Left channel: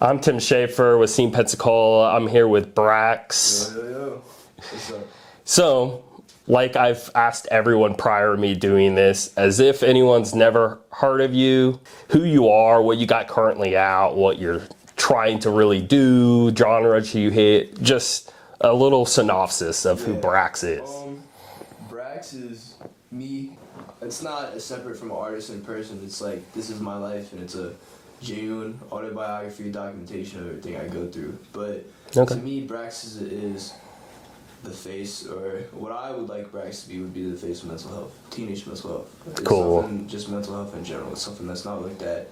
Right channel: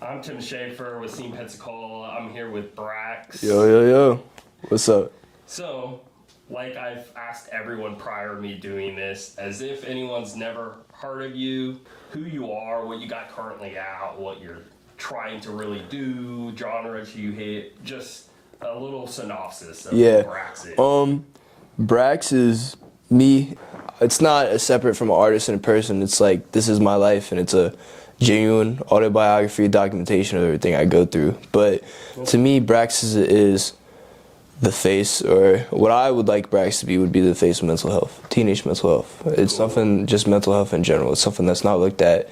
I'm Tim Schaefer with Scene Pensacola. I'm here with Brax. Yo. What's up? So, like I've asked everyone prior to me doing this, as if anyone's never heard of you, who you are, what you got currently out, what you're trying to really do, genres you hit, just a little synopsis of who Brax is. Brax is me. It's not a separate from an artist and a person. It's like, this is my life, and it's a genuine autobiography, documentation of everything I go through. But to me, Brax is the face, or what I would like Brax to be would be the face of mental health, teenage mental health. It's something, just mental health in general. It's something that's not looked at,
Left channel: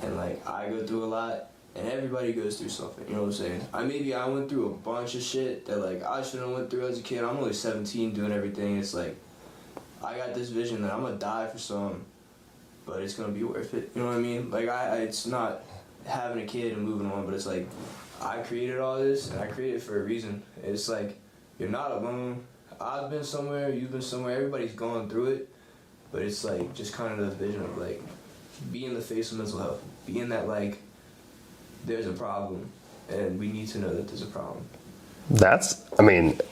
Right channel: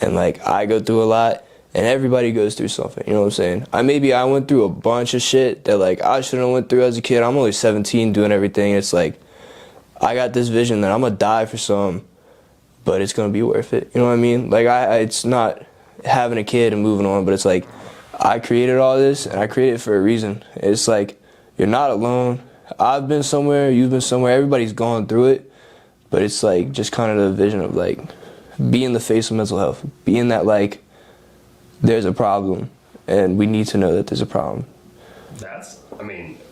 and like I go through a lot, and everybody goes through something. You know what I'm saying? I went through a bunch of shit that like I shouldn't have went through as a kid. I'm only 17 doing everything. It's like I got this vision that I'm gonna die for some, but it's gonna be worth it. You know what I mean? Like it's not having a kid and moving on, but it's like I created all this, and I created it for a reason. It's like you're not alone. I've been somewhere, you've been somewhere. Everybody's gone through it, but it's like just kind of the vision of like being the face of mental health, being that like there's a problem, and we need to know that there's a problem. That's,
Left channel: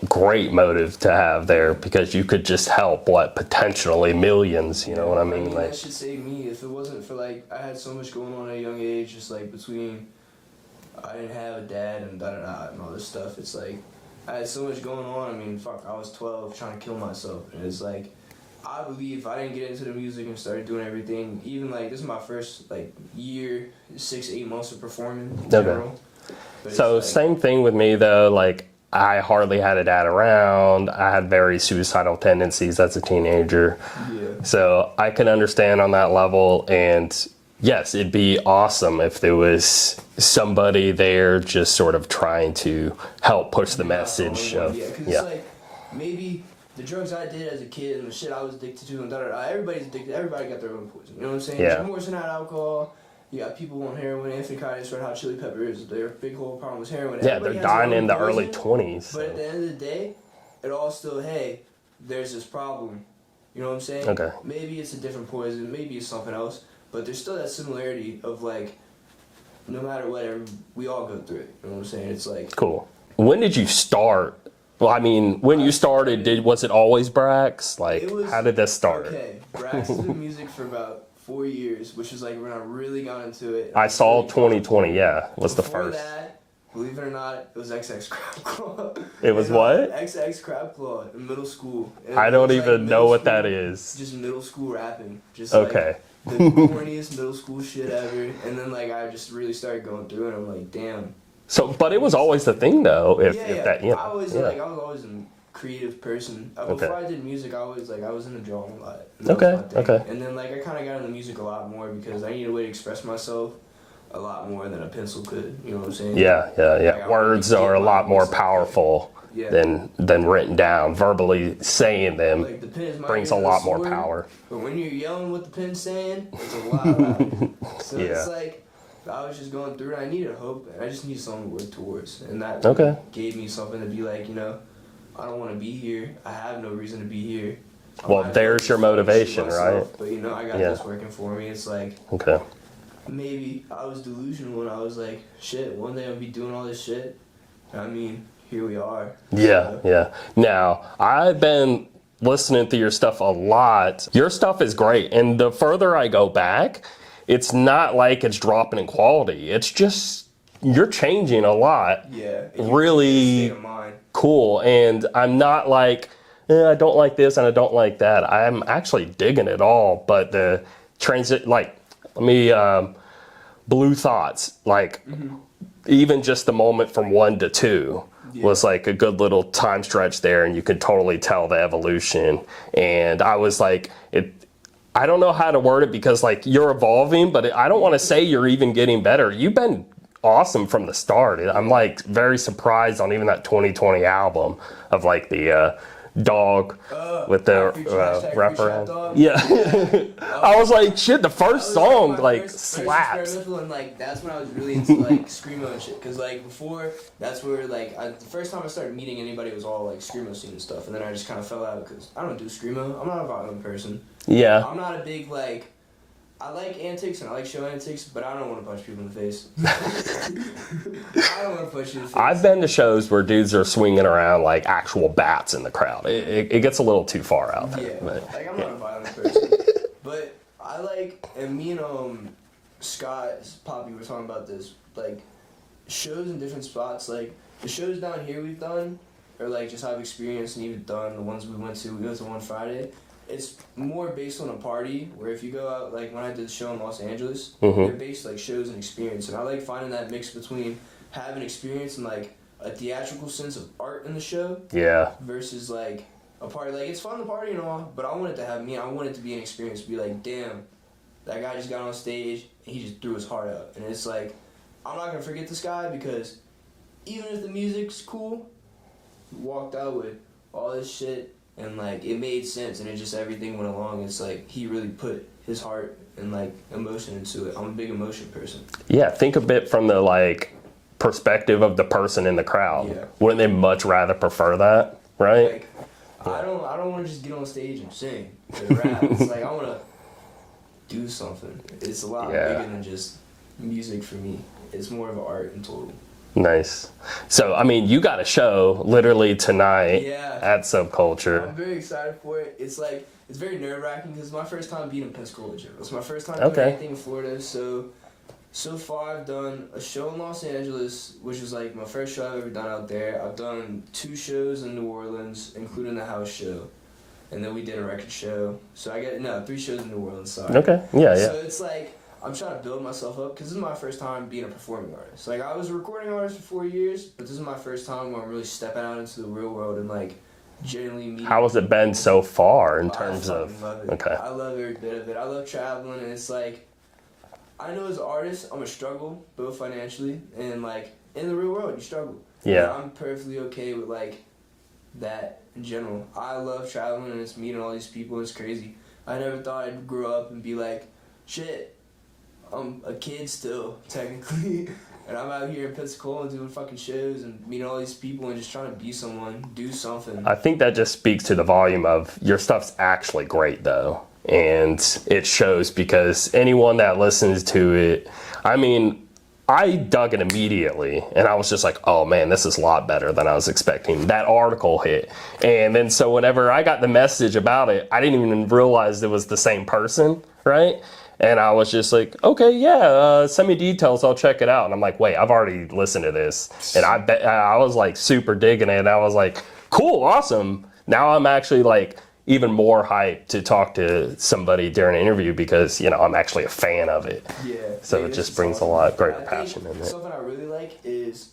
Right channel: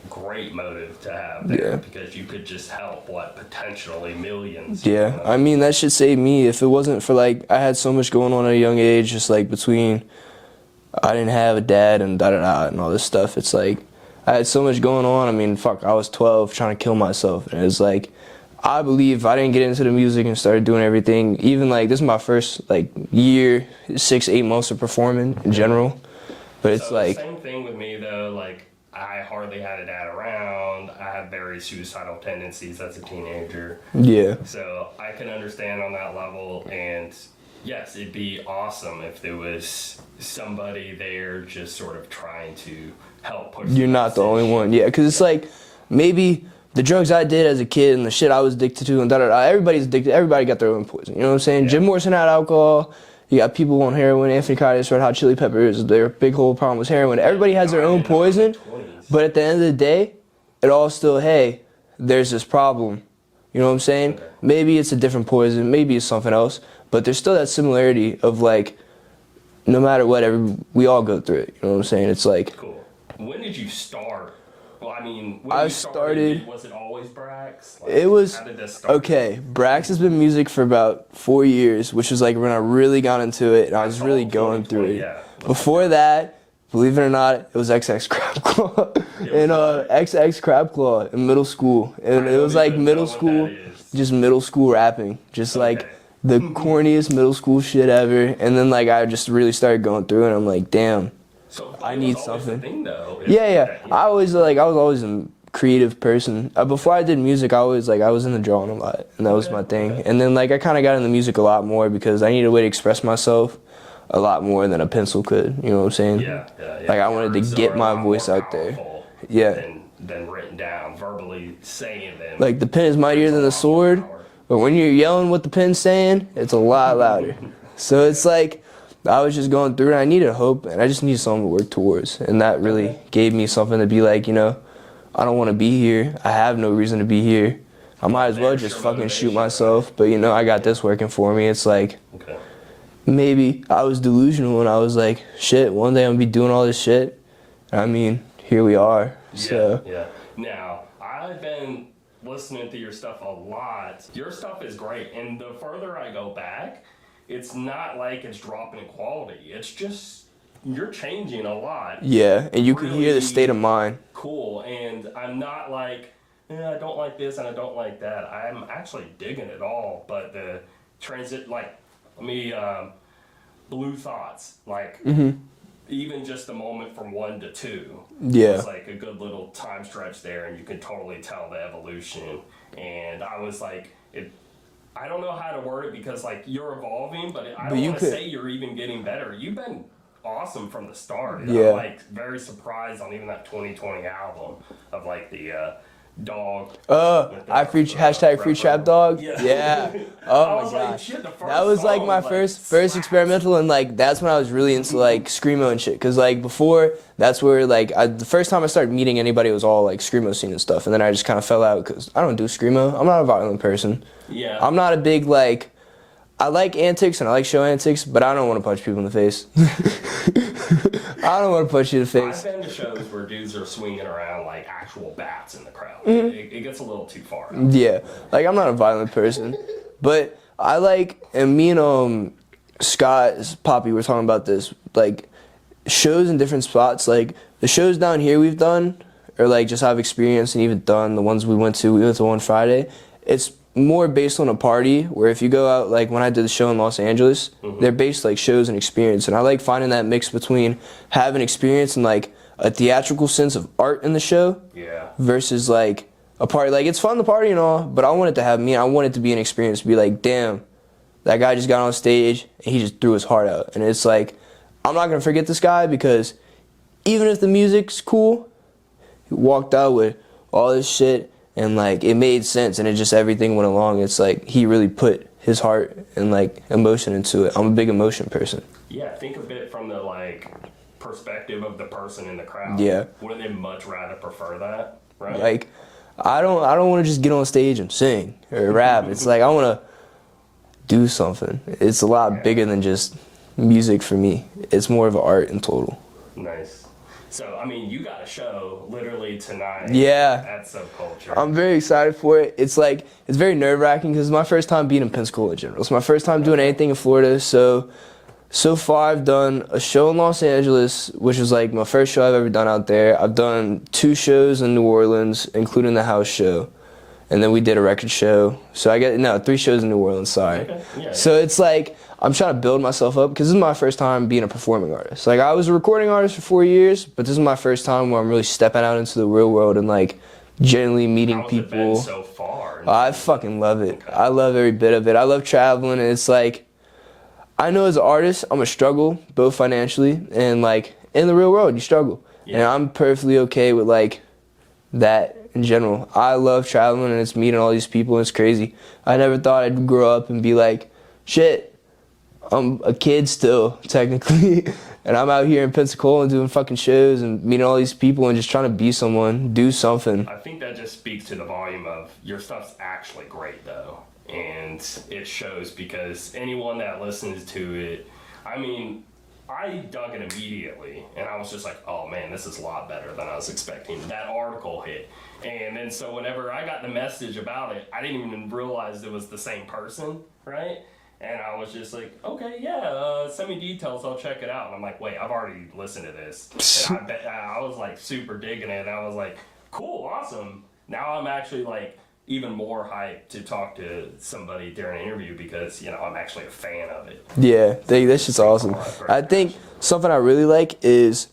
great motive to have there, because you could just help, potentially millions. You know what I mean, that should save me. If it wasn't for, I had so much going on at a young age, just, between I didn't have a dad and da-da-da and all this stuff. It's like, I had so much going on. I was 12 trying to kill myself. And it's like, I believe if I didn't get into the music and started doing everything, even, this is my first, year, 6-8 months of performing in general. But it's so same thing with me though, I hardly had a dad around. I had very suicidal tendencies as a teenager. Yeah. So I can understand on that level, and yes, it'd be awesome if there was somebody there just sort of trying to help push the message. You're not the only one. Yeah, because it's maybe the drugs I did as a kid and the shit I was addicted to and da-da-da, everybody's addicted. Everybody got their own poison. You know what I'm saying? Yeah. Jim Morrison had alcohol. You got people on heroin. Anthony Kiedis, Red Hot Chili Peppers, their big whole problem was heroin. Everybody has their own poison. But at the end of the day, it all still, hey, there's this problem. You know what I'm saying? Okay. Maybe it's a different poison. Maybe it's something else. But there's still that similarity of no matter what, we all go through it. You know what I'm saying? It's cool. When did you start? Well, when you started, was it always Brax? How did this start? Okay, Brax has been music for about 4 years, which was when I really got into it. And I saw really 2020, yeah. Before that, believe it or not, it was XX Crab Claw. It was what? XX Crab Claw in middle school. And I don't even know what that is. Just middle school rapping. Just the corniest middle school shit ever. And then I just really started going through it, and I'm like, damn. So, but it was always the thing, though. I was always a creative person. Before I did music, I was into drawing a lot, and that was my thing. And then I kind of got into music a lot more because I needed a way to express myself a lot more than a pencil could. You know what I'm saying? Yeah. I Words wanted to get are a my lot more voice out powerful than written down. Verbally saying them. The pen is mightier than the sword, but when you're yelling what the pen's saying, it's a lot louder. So it's I was just going through it, and I needed hope, and I just needed something to work towards. And that really gave me something to be I don't want to be here. I have no reason to be here. I might as well just fucking shoot myself. Right? But, I got this working for me. It's maybe I was delusional, and I was shit, one day I'm going to be doing all this shit. Here we are. Yeah. Now, I've been listening to your stuff a lot. Your stuff is great, and the further I go back, it's not it's dropping in quality. It's just, you're changing a lot. Yeah, and you really get a state of mind. Cool, and I'm not I don't like this and I don't like that. I'm actually digging it all, but the transit, Blue Thoughts, even just the moment from 1 to 2 was a good little time stretch there, and you could totally tell the evolution. And I was I don't know how to word it, because you're evolving, but I don't want to say you're even getting better. You've been awesome from the start. I'm very surprised on even that 2020 album of the dog with the hashtag free trap dog. Yeah. Oh, I was shit, the first song my first experimental, and that's when I was really into screamo and shit, because before, that's where the first time I started meeting anybody, it was all screamo scene and stuff, and then I just kind of fell out because I don't do screamo. I'm not a violent person. I'm not a big I like antics and I like show antics, but I don't want to punch people in the face. I don't want to punch you in the face. I've been to shows where dudes are swinging around like actual bats in the crowd. It gets a little too far out. Yeah, like I'm not a violent person, but I like, and me and Scott, Poppy, were talking about this, like shows in different spots. Like the shows down here we've done, or like just I've experienced and even done the ones we went to one Friday. It's more based on a party, where if you go out, like when I did the show in Los Angeles, they're based like shows and experience, and I like finding that mix between having experience and like a theatrical sense of art in the show, versus like a party. Like it's fun to party and all, but I want it to have me. I want it to be an experience, to be like, damn, that guy just got on stage and he just threw his heart out, and it's like, I'm not gonna forget this guy, because even if the music's cool, he walked out with all this shit. And like it made sense, and it just, everything went along. It's like he really put his heart and like emotion into it. I'm a big emotion person. Yeah, think a bit from the like perspective of the person in the crowd. Yeah. Wouldn't they much rather prefer that, right? Like I don't want to just get on stage and sing or rap. It's like I want to do something. It's a lot bigger than just music for me. It's more of an art in total. Nice. So, I mean, you got a show literally tonight at Subculture. I'm very excited for it. It's like, it's very nerve-wracking because it's my first time being in Pensacola in general. It's my first time doing anything in Florida. So far I've done a show in Los Angeles, which is like my first show I've ever done out there. I've done 2 shows in New Orleans, including the house show. And then we did a record show. So I got, 3 shows in New Orleans, sorry. Okay, yeah. So it's like, I'm trying to build myself up, because this is my first time being a performing artist. Like, I was a recording artist for 4 years, but this is my first time where I'm really stepping out into the real world and, like, genuinely meeting people. How has it been so far? I fucking love it. Okay. I love every bit of it. I love traveling, and it's like, I know as an artist, I'm a struggle, both financially and, like, in the real world, you struggle. Yeah. And I'm perfectly okay with, like, that in general. I love traveling, and it's meeting all these people, and it's crazy. I never thought I'd grow up and be like, shit, I'm a kid still, technically, and I'm out here in Pensacola and doing fucking shows and meeting all these people and just trying to be someone, do something. I think that just speaks to the volume of your stuff's actually great, though, and it shows, because anyone that listens to it, I mean, I dug it immediately, and I was just like, oh man, this is a lot better than I was expecting. That article hit, and then so whenever I got the message about it, I didn't even realize it was the same person, right? And I was just like, okay, send me details, I'll check it out. And I'm like, wait, I've already listened to this. And I was like super digging it. And I was like, cool, awesome. Now I'm actually like even more hyped to talk to somebody during an interview, because, you know, I'm actually a fan of it. Yeah, so that's just awesome. I think something I really like is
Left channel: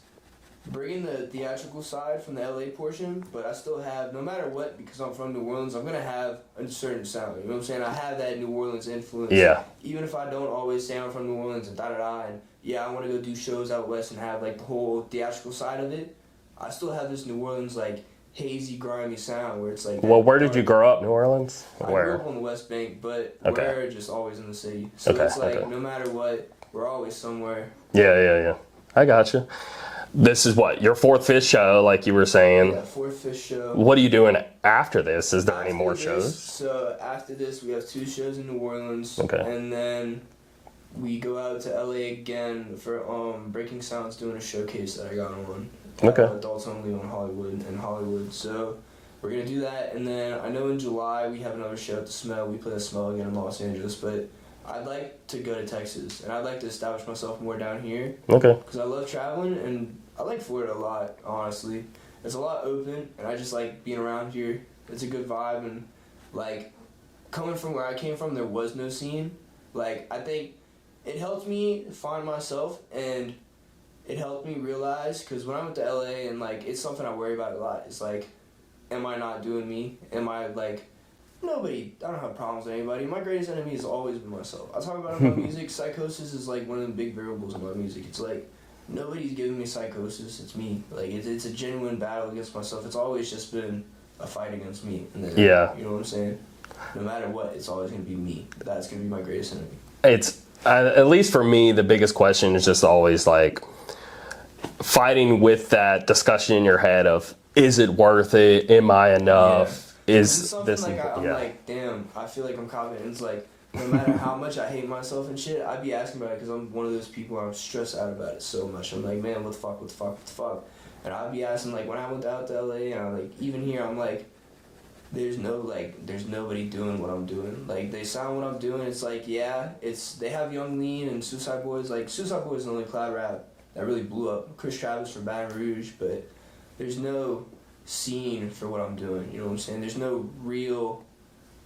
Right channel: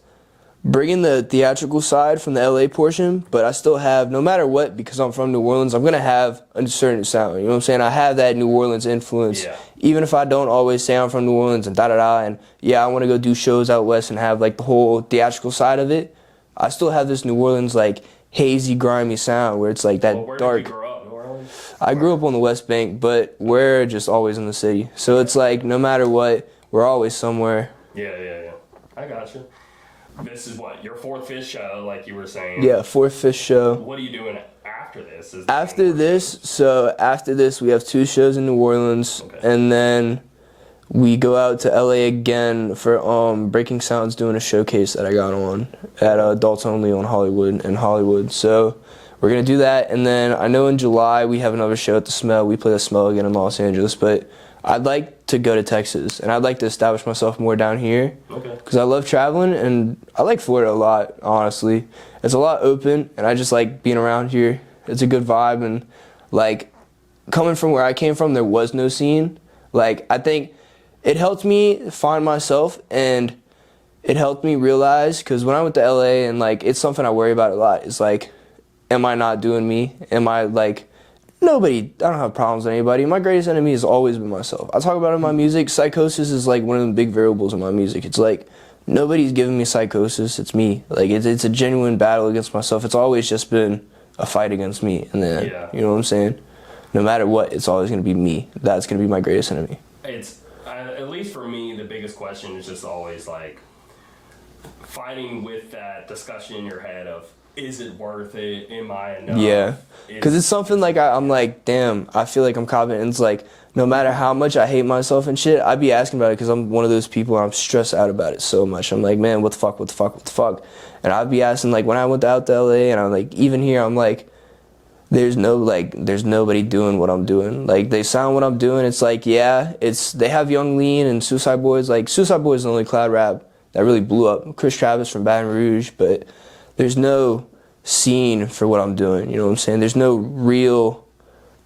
bringing the theatrical side from the LA portion, but I still have, no matter what, because I'm from New Orleans, I'm going to have a certain sound. You know what I'm saying? I have that New Orleans influence. Yeah. Even if I don't always say I'm from New Orleans and da-da-da, and I want to go do shows out west and have like the whole theatrical side of it, I still have this New Orleans like hazy, grimy sound where it's like that. Well, where dark. did you grow up, New Orleans? I grew up on the West Bank, but we're just always in the city. So it's like no matter what, we're always somewhere. Yeah. I gotcha. This is what, your 4th, 5th show, like you were saying? Yeah, 4th, 5th show. What are you doing after this? Is there any more shows? So after this, we have 2 shows in New Orleans, and then we go out to LA again for Breaking Sounds doing a showcase that I got on at Adults Only on Hollywood. So we're gonna do that, and then I know in July we have another show at the Smell. We play the Smell again in Los Angeles, but I'd like to go to Texas, and I'd like to establish myself more down here. Because I love traveling, and I like Florida a lot, honestly. It's a lot open, and I just like being around here. It's a good vibe, and like coming from where I came from, there was no scene. Like, I think it helped me find myself, and it helped me realize, because when I went to LA, and like it's something I worry about a lot, it's like, am I not doing me? Am I like, I don't have problems with anybody. My greatest enemy has always been myself. I talk about it in my music. Psychosis is like one of the big variables in my music. It's like, nobody's giving me psychosis. It's me. Like, it's a genuine battle against myself. It's always just been a fight against me. And then, you know what I'm saying? No matter what, it's always going to be me. That's going to be my greatest enemy. It's, at least for me, the biggest question is just always like fighting with that discussion in your head of, is it worth it? Am I enough? Yeah. Because it's something like I'm like, damn, I feel like I'm confident. And it's like, no matter how much I hate myself and shit, I'd be asking about it because I'm one of those people, I'm stressed out about it so much. I'm like, man, what the fuck, what the fuck, what the fuck? And I'd be asking, like, when I went out to LA, and I'm like, even here, I'm like, there's nobody doing what I'm doing. Like, they sound what I'm doing. It's like, yeah, they have Young Lean and Suicide Boys. Like, Suicide Boys is the only cloud rap that really blew up. Chris Travis from Baton Rouge, but there's no scene for what I'm doing. You know what I'm saying? There's no real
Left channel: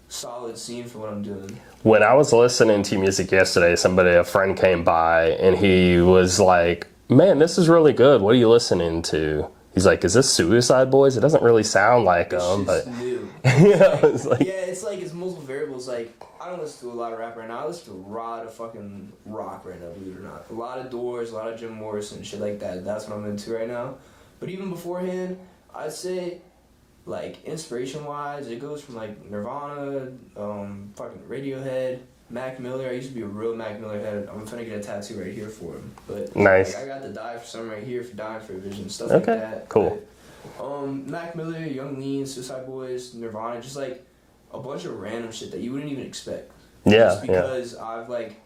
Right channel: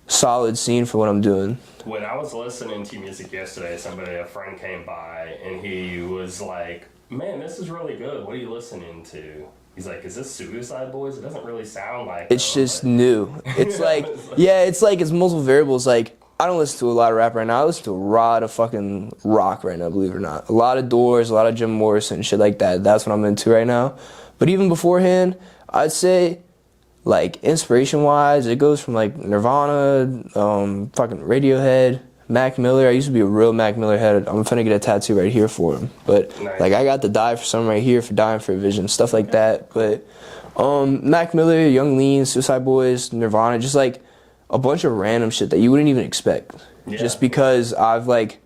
solid scene for what I'm doing. When I was listening to music yesterday, a friend came by and he was like, man, this is really good. What are you listening to? He's like, is this Suicide Boys? It doesn't really sound like it's them. Just new. It's it's multiple variables. Like, I don't listen to a lot of rap right now. I listen to a lot of fucking rock right now, believe it or not. A lot of Doors, a lot of Jim Morrison, shit like that. That's what I'm into right now. But even beforehand, I'd say, like, inspiration-wise, it goes from, like, Nirvana, fucking Radiohead, Mac Miller. I used to be a real Mac Miller head. I'm finna get a tattoo right here for him. But, nice. Like, I got the Die for Some right here for Dying for a Vision, stuff like that. Cool. But, Mac Miller, Young Lean, Suicide Boys, Nirvana, just, like, a bunch of random shit that you wouldn't even expect. Yeah. Just because I've, like,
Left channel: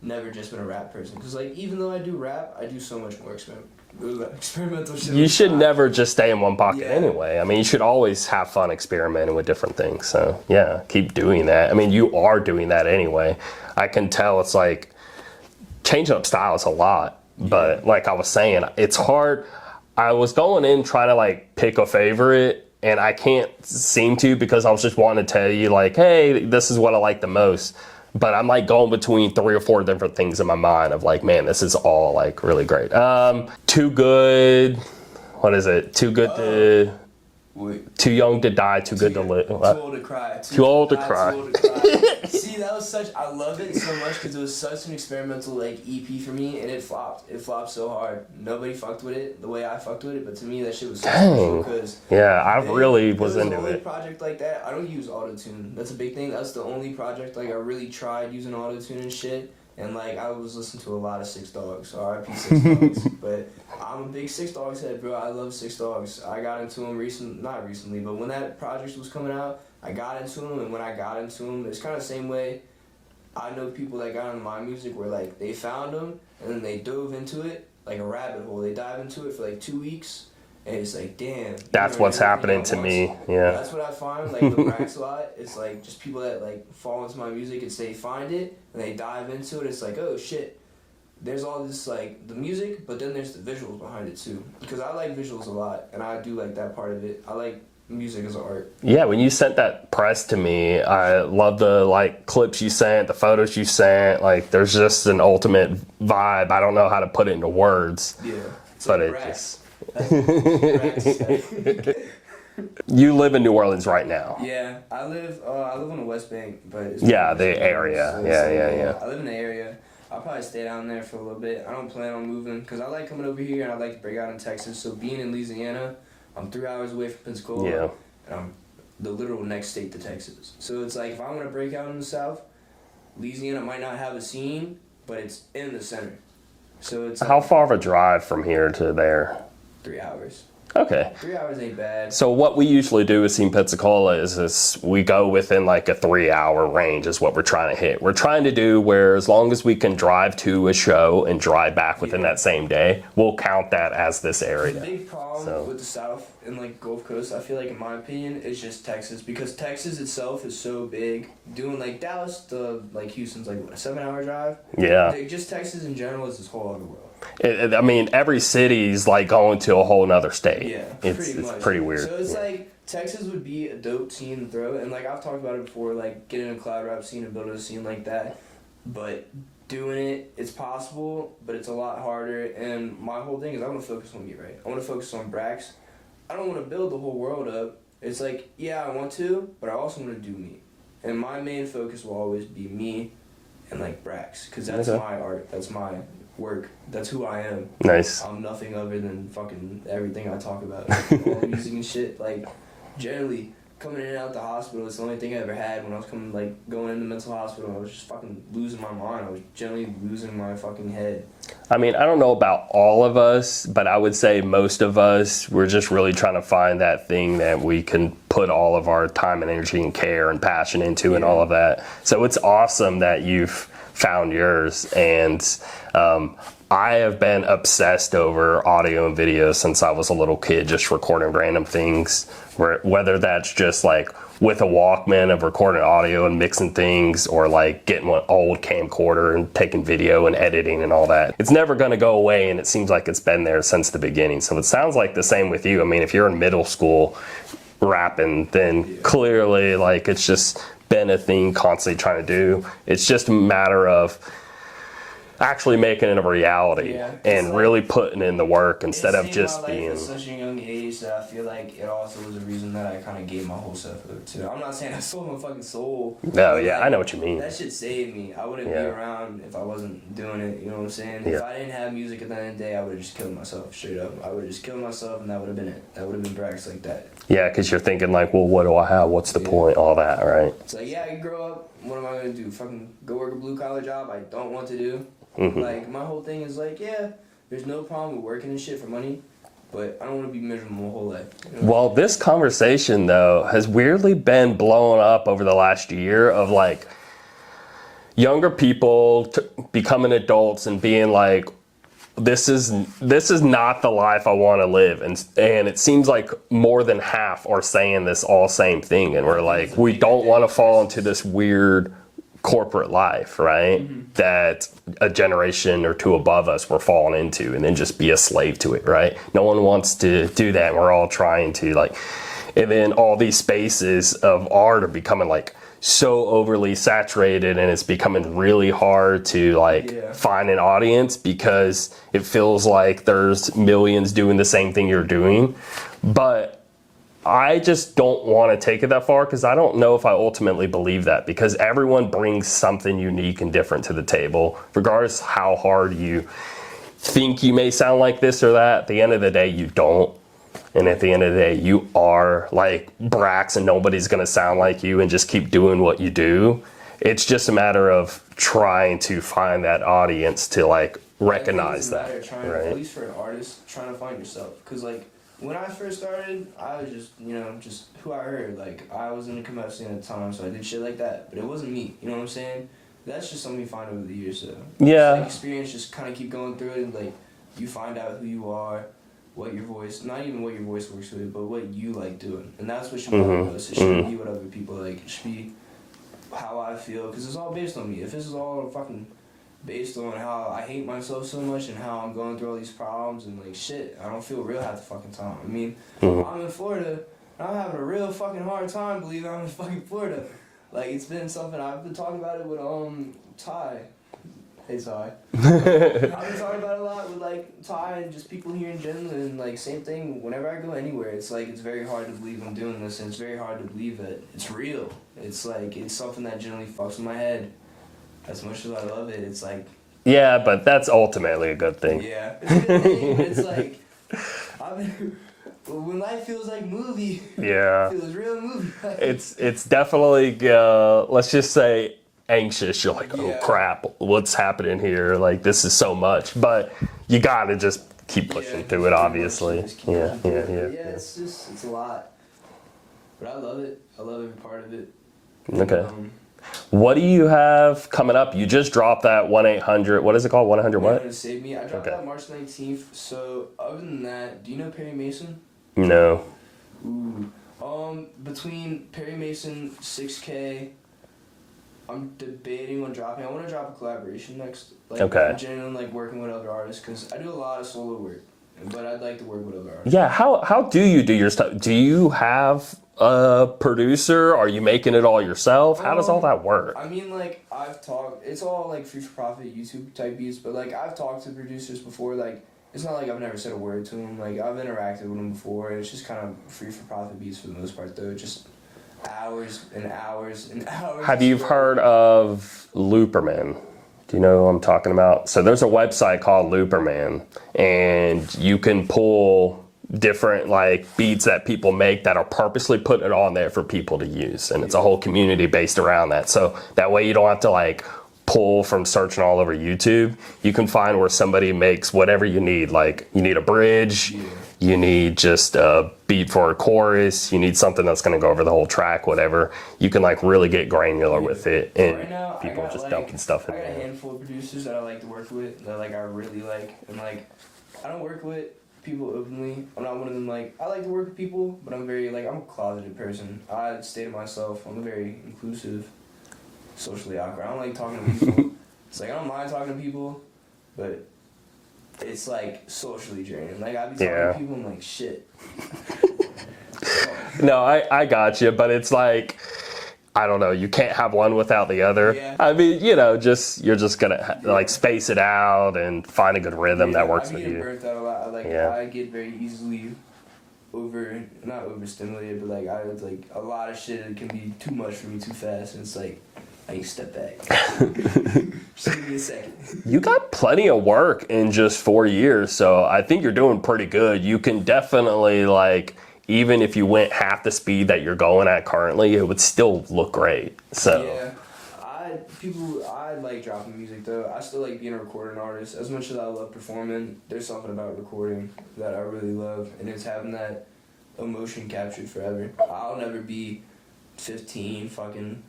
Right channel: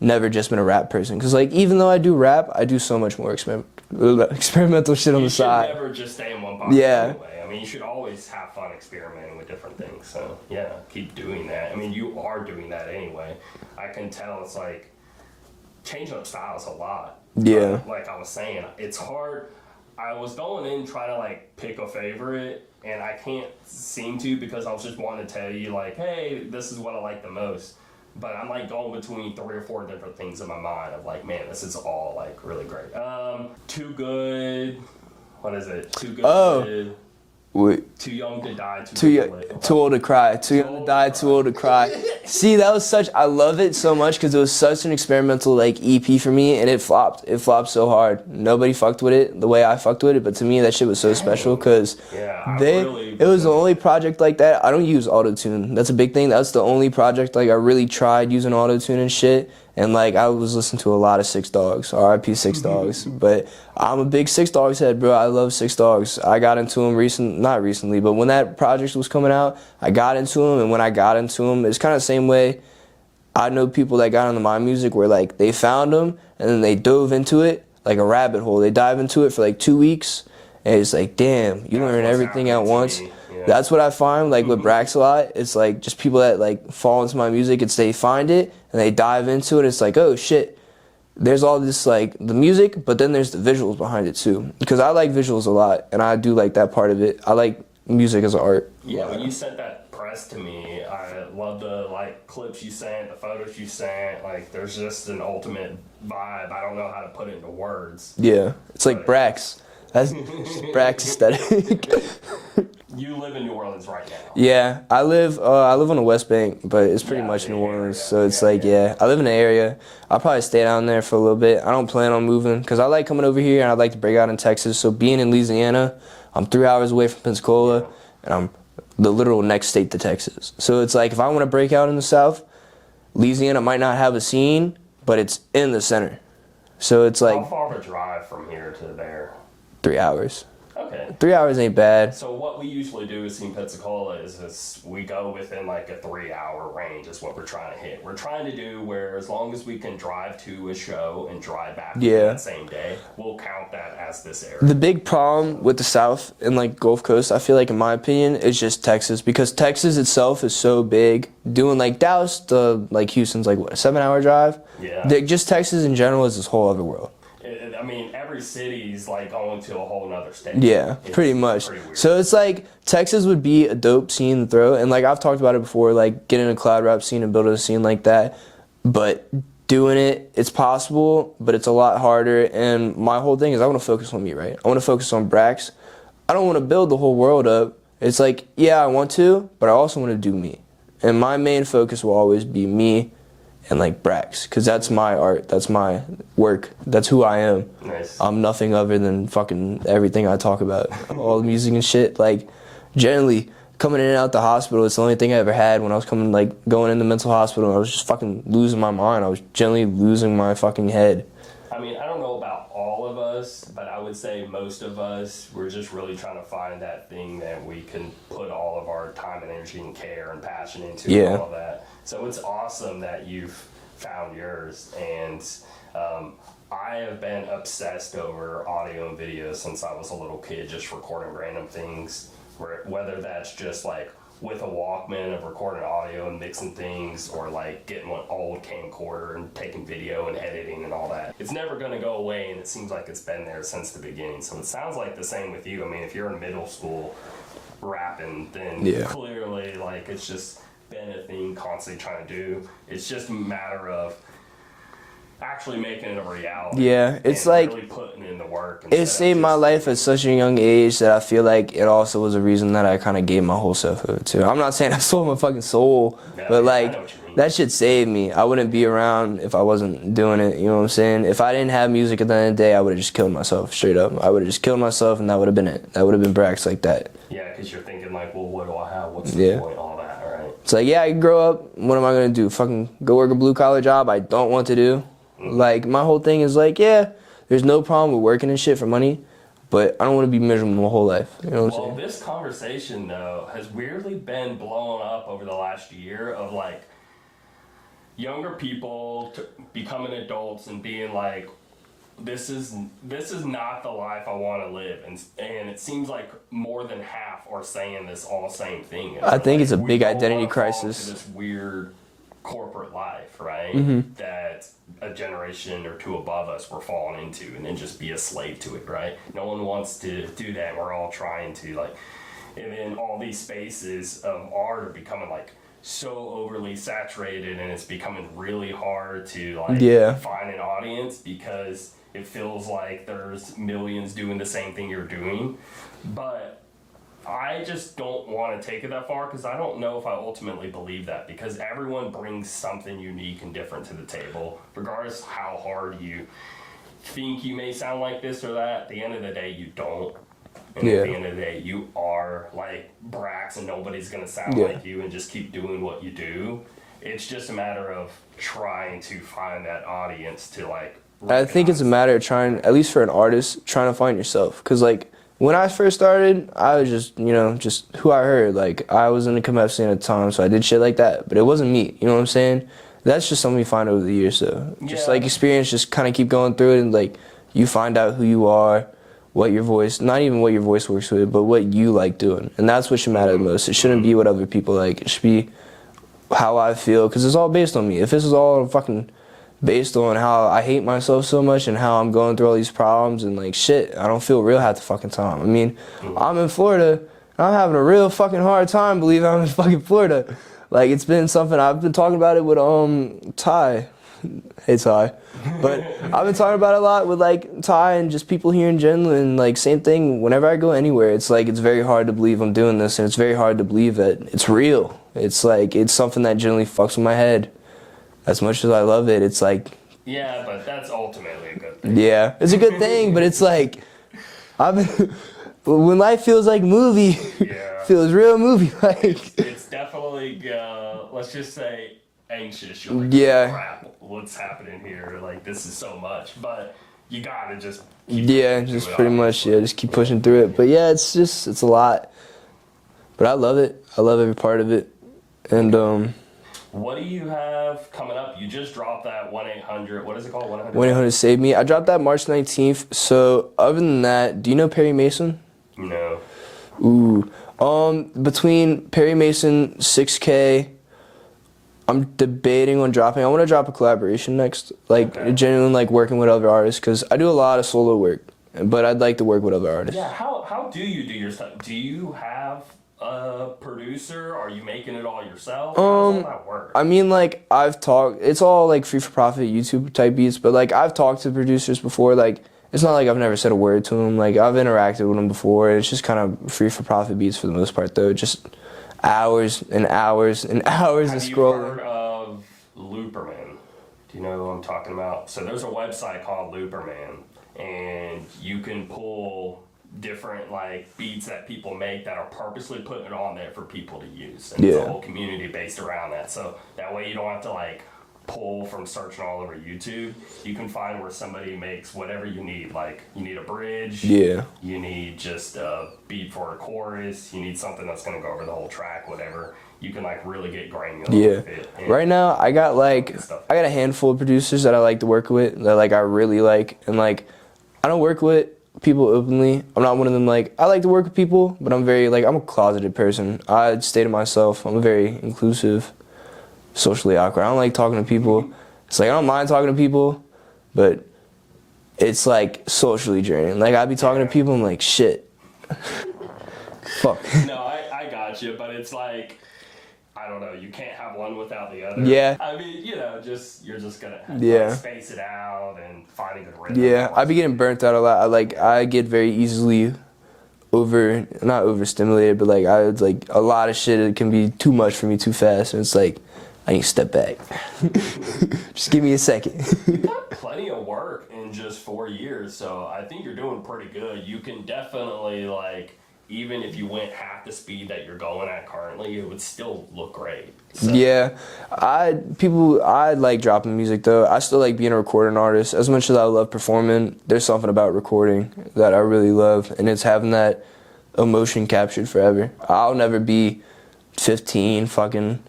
never just been a rap person. Because, like, even though I do rap, I do so much more experimental shit on the side. You should never just stay in one pocket anyway. I mean, you should always have fun experimenting with different things. So, yeah, keep doing that. I mean, you are doing that anyway. I can tell it's like changing up styles a lot. Yeah. But like I was saying, it's hard. I was going in trying to like pick a favorite, and I can't seem to because I was just wanting to tell you like, hey, this is what I like the most. But I'm like going between 3 or 4 different things in my mind of like, man, this is all like really great. Too Good. What is it? Too Good to... Wait. Too Young to Die, Too Good to Live. Too Old to Cry. Too Old to Die, Too Old to Cry. See, that was I love it so much because it was such an experimental like EP for me, and it flopped. It flopped so hard. Nobody fucked with it the way I fucked with it, but to me that shit was so special because it was the only project like that. I don't use autotune. That's a big thing. That's the only project like I really tried using autotune and shit. And, like, I was listening to a lot of Six Dogs, R.I.P. Six Dogs. But I'm a big Six Dogs head, bro. I love Six Dogs. I got into them not recently, but when that project was coming out, I got into them. And when I got into them, it's kind of the same way I know people that got into my music where, like, they found them and then they dove into it like a rabbit hole. They dive into it for, like, 2 weeks. And it's like, damn, you learn everything at once. Yeah. That's what I find, like, with Brax a lot. It's, like, just people that, like, fall into my music. It's they find it, and they dive into it. It's like, oh, shit. There's all this, like, the music, but then there's the visuals behind it, too. Because I like visuals a lot, and I do like that part of it. I like music as an art. Yeah, when you sent that press to me, I love the, like, clips you sent, the photos you sent. Like, there's just an ultimate vibe. I don't know how to put it into words. Yeah. It's like Brax. That's Brax aesthetic. You live in New Orleans right now. Yeah, I live on the West Bank, but it's pretty much New Orleans. Area. So it's I live in the area. I'll probably stay down there for a little bit. I don't plan on moving because I like coming over here and I like to break out in Texas. So being in Louisiana, I'm 3 hours away from Pensacola, and I'm the literal next state to Texas. So it's like if I want to break out in the South, Louisiana might not have a scene, but it's in the center. So it's like... How far of a drive from here to there? 3 hours. Okay. 3 hours ain't bad. So what we usually do with Scene Pensacola is we go within like a 3 hour range is what we're trying to hit. We're trying to do where as long as we can drive to a show and drive back within that same day, we'll count that as this area. The big problem with the South and like Gulf Coast, I feel like in my opinion, is just Texas because Texas itself is so big. Doing like Dallas to like Houston's like what, a 7 hour drive? Yeah. Just Texas in general is this whole other world. I mean, every city's like going to a whole nother state. Yeah, pretty much. It's pretty weird. So it's like Texas would be a dope scene to throw, and like I've talked about it before, like getting a cloud rap scene and building a scene like that. But doing it, it's possible, but it's a lot harder. And my whole thing is I want to focus on me, right? I want to focus on Brax. I don't want to build the whole world up. It's like, yeah, I want to, but I also want to do me. And my main focus will always be me and like Brax, because that's my art, that's my work, that's who I am. Nice. I'm nothing other than fucking everything I talk about, all the music and shit. Like, generally, coming in and out the hospital, it's the only thing I ever had when I was going into mental hospital. I was just fucking losing my mind. I was generally losing my fucking head. I mean, I don't know about all of us, but I would say most of us, we're just really trying to find that thing that we can put all of our time and energy and care and passion into and all of that. So it's awesome that you've found yours. And I have been obsessed over audio and video since I was a little kid, just recording random things, whether that's just like with a Walkman of recording audio and mixing things, or like getting an old camcorder and taking video and editing and all that. It's never going to go away, and it seems like it's been there since the beginning. So it sounds like the same with you. I mean, if you're in middle school rapping, then clearly like it's just been a thing constantly trying to do. It's just a matter of actually making it a reality, and like, really putting in the work instead of just... It saved my life at such a young age that I feel like it also was a reason that I kind of gave my whole self to. I'm not saying I sold my fucking soul, but like, I know what you mean. That shit saved me. I wouldn't be around if I wasn't doing it, you know what I'm saying? If I didn't have music at the end of the day, I would have just killed myself, straight up. I would have just killed myself, and that would have been it. That would have been Brax like that. Yeah, because you're thinking like, well, what do I have? What's the point? All that, right? It's like, I can grow up. What am I going to do? Fucking go work a blue-collar job I don't want to do? Like, my whole thing is like, there's no problem with working and shit for money, but I don't want to be miserable my whole life. You know well, this conversation, though, has weirdly been blowing up over the last year of, like, younger people becoming adults and being like, this is not the life I want to live. And it seems like more than half are saying this all same thing. And we're like, we don't want to fall into this weird corporate life, right? That a generation or two above us were falling into, and then just be a slave to it, right? No one wants to do that. We're all trying to, like, and then all these spaces of art are becoming like so overly saturated, and it's becoming really hard to like find an audience, because it feels like there's millions doing the same thing you're doing. But I just don't want to take it that far, because I don't know if I ultimately believe that, because everyone brings something unique and different to the table, regardless how hard you think you may sound like this or that. At the end of the day, you don't. And at the end of the day, you are like Brax, and nobody's going to sound like you, and just keep doing what you do. It's just a matter of trying to find that audience to like recognize. I think it's a matter of trying, at least for an artist, trying to find yourself. Because like, when I first started, I was just, just who I heard. Like, I was in the come-up scene at the time, so I did shit like that. But it wasn't me, you know what I'm saying? That's just something you find over the years, so. Just, like, experience, just kind of keep going through it, and, like, you find out who you are, what your voice, not even what your voice works with, but what you like doing. And that's what should matter the most. It shouldn't be what other people like. It should be how I feel, because it's all based on me. If this is all fucking based on how I hate myself so much and how I'm going through all these problems and like shit, I don't feel real half the fucking time. I mean, I'm in Florida, and I'm having a real fucking hard time believing I'm in fucking Florida. Like, it's been something, I've been talking about it with Ty. Hey Ty. But I've been talking about it a lot with like Ty and just people here in general, and like same thing, whenever I go anywhere, it's like, it's very hard to believe I'm doing this, and it's very hard to believe that it's real. It's like, it's something that generally fucks with my head. As much as I love it, it's like... Yeah, but that's ultimately a good thing. Yeah, it's a good thing, but it's like... when life feels like movie, feels real movie. Like, it's definitely, let's just say, anxious. You're like, oh crap, what's happening here? Like, this is so much. But you gotta just keep pushing through it, obviously. Just keep pushing through it. But yeah, it's a lot. But I love it. I love every part of it. And, what do you have coming up? You just dropped that 1-800, what is it called? 1-800 1-800 Save Me. I dropped that March 19th. So other than that, do you know Perry Mason? No. Ooh. Between Perry Mason, 6K, I'm debating on dropping. I want to drop a collaboration next. Like, genuinely like working with other artists, because I do a lot of solo work, but I'd like to work with other artists. Yeah, how do you do your stuff? Do you have a producer? Are you making it all yourself? How does all that work? I mean, like, I've talked, it's all like free for profit YouTube type beats, but like I've talked to producers before. Like, it's not like I've never said a word to them. Like, I've interacted with them before. It's just kind of free for profit beats for the most part, though. Just hours and hours and hours. Have you heard of Looperman? Do you know who I'm talking about? So there's a website called Looperman, and you can pull different like beats that people make that are purposely putting it on there for people to use, and it's a whole community based around that. So that way you don't have to like pull from searching all over YouTube. You can find where somebody makes whatever you need. Like you need a bridge, you need just a beat for a chorus, you need something that's going to go over the whole track, whatever. You can like really get granular with it. And right now I got like I got a handful of producers that I like to work with that like I really like, and like I don't work with people openly. I'm not one of them like I like to work with people, but I'm very like I'm a closeted person. I stay to myself. I'm very inclusive, socially awkward. I don't like talking to people. It's like I don't mind talking to people, but it's like socially draining. Like I'd be talking to people, I'm like shit. Fuck. No, I got you, but it's like I don't know. You can't have one without the other. Yeah. I mean, you know, you're just gonna like space it out and find a good rhythm that works. I be getting burnt out a lot. I get very easily not overstimulated, but like I would like a lot of shit. It can be too much for me too fast, and it's like I need to step back. Just give me a second. You got plenty of work in just 4 years, so I think you're doing pretty good. You can definitely like. Even if you went half the speed that you're going at currently, it would still look great. So. Yeah, I like dropping music though. I still like being a recording artist. As much as I love performing, there's something about recording that I really love, and it's having that emotion captured forever. I'll never be 15 fucking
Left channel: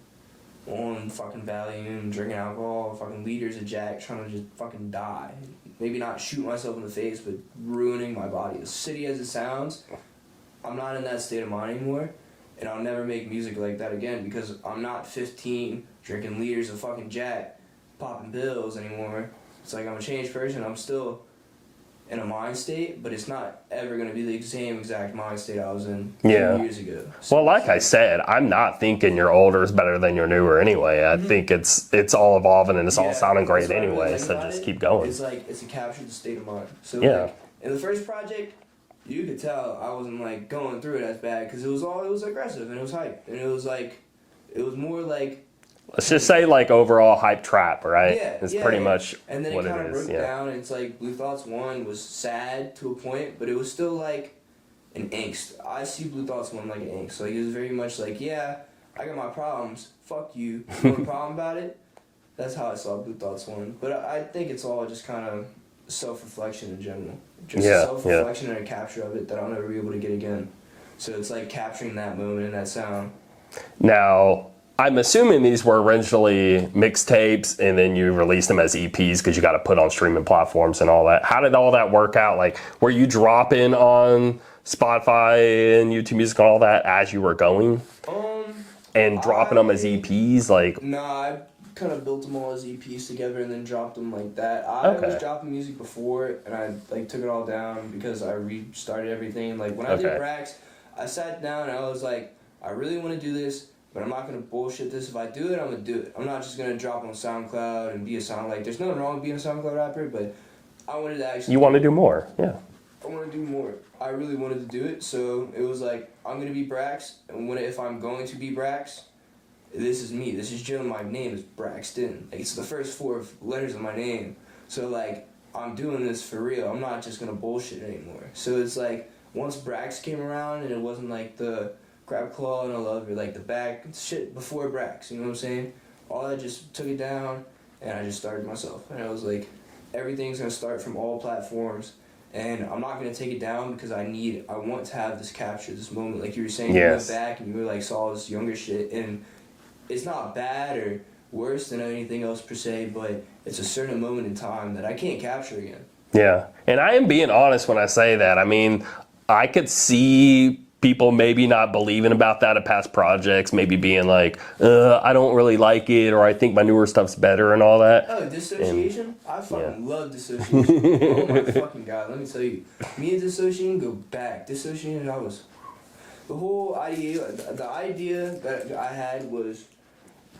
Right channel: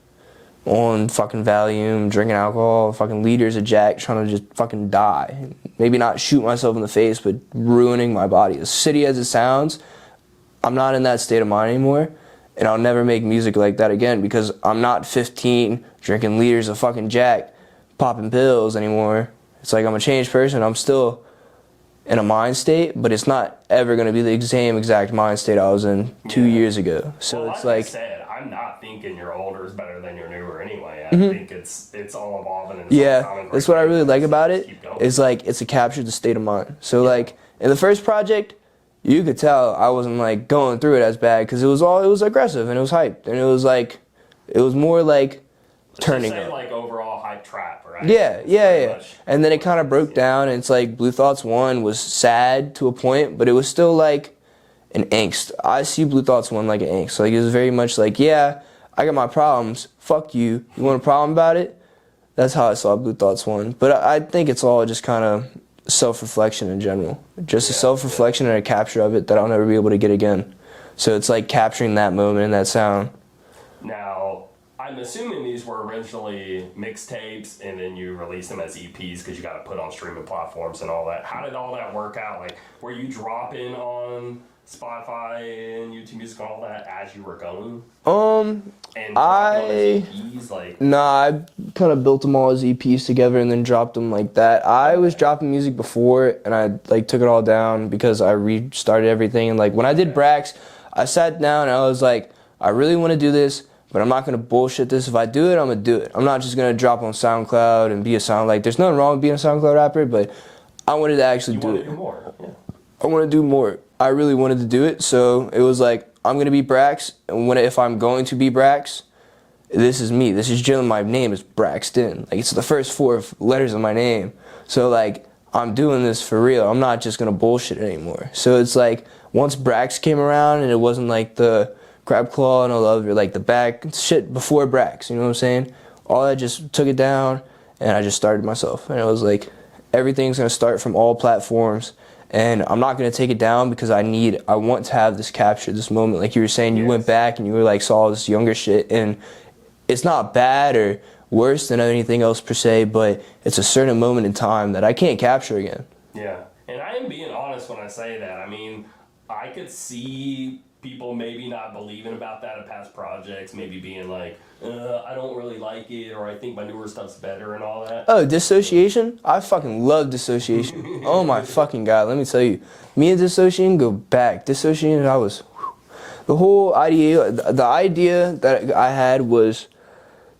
on fucking Valium, drinking alcohol, fucking liters of Jack, trying to just fucking die. Maybe not shoot myself in the face, but ruining my body. As shitty as it sounds, I'm not in that state of mind anymore, and I'll never make music like that again because I'm not 15 drinking liters of fucking Jack, popping pills anymore. It's like I'm a changed person. I'm still in a mind state, but it's not ever going to be the same exact mind state I was in 2 years ago. So well, like I said, I'm not thinking your older is better than your newer anyway. I think it's all evolving and it's all sounding great. That's what anyway, I really like so about it. Keep going. It's like it's a capture the state of mind. So like in the first project, you could tell I wasn't like going through it as bad because it was aggressive and it was hyped and it was more like. Let's just say like overall hype trap, right? Yeah, it's pretty much and then it kind of broke down, and it's like Blue Thoughts 1 was sad to a point, but it was still like an angst. I see Blue Thoughts 1 like an angst. Like it was very much like, yeah, I got my problems. Fuck you. You want a problem about it? That's how I saw Blue Thoughts 1. But I think it's all just kind of self-reflection in general. Just a self-reflection and a capture of it that I'll never be able to get again. So it's like capturing that moment and that sound. Now, I'm assuming these were originally mixtapes and then you released them as EPs because you got to put on streaming platforms and all that. How did all that work out? Like, were you dropping on Spotify and YouTube Music and all that as you were going? And dropping them as EPs? Like, nah, I kind of built them all as EPs together and then dropped them like that. I was dropping music before and I like took it all down because I restarted everything. And like when I did Brax, I sat down and I was like, I really want to do this, but I'm not going to bullshit this. If I do it, I'm going to do it. I'm not just going to drop on SoundCloud and be a like, there's nothing wrong with being a SoundCloud rapper, but I wanted to actually want to do more. Yeah. I want to do more. I really wanted to do it, so it was like, I'm going to be Brax, and if I'm going to be Brax, this is me. This is Jalen. My name is Braxton. Like, it's the first 4 letters of my name. So, like, I'm doing this for real. I'm not just going to bullshit it anymore. So it's like, once Brax came around, and it wasn't like the Crab Claw and all the other, like, the back shit before Brax, you know what I'm saying? All I just took it down, and I just started myself. And it was like, everything's going to start from all platforms. And I'm not going to take it down because I want to have this capture, this moment. Like you were saying, you went back and you were like, saw this younger shit. And it's not bad or worse than anything else per se, but it's a certain moment in time that I can't capture again. Yeah. And I am being honest when I say that. I mean, I could see people maybe not believing about that at past projects, maybe being like, I don't really like it, or I think my newer stuff's better and all that. Oh, Dissociation? I fucking love Dissociation. Oh my fucking God, let me tell you. Me and Dissociation go back. Dissociation, the whole idea, the idea that I had was,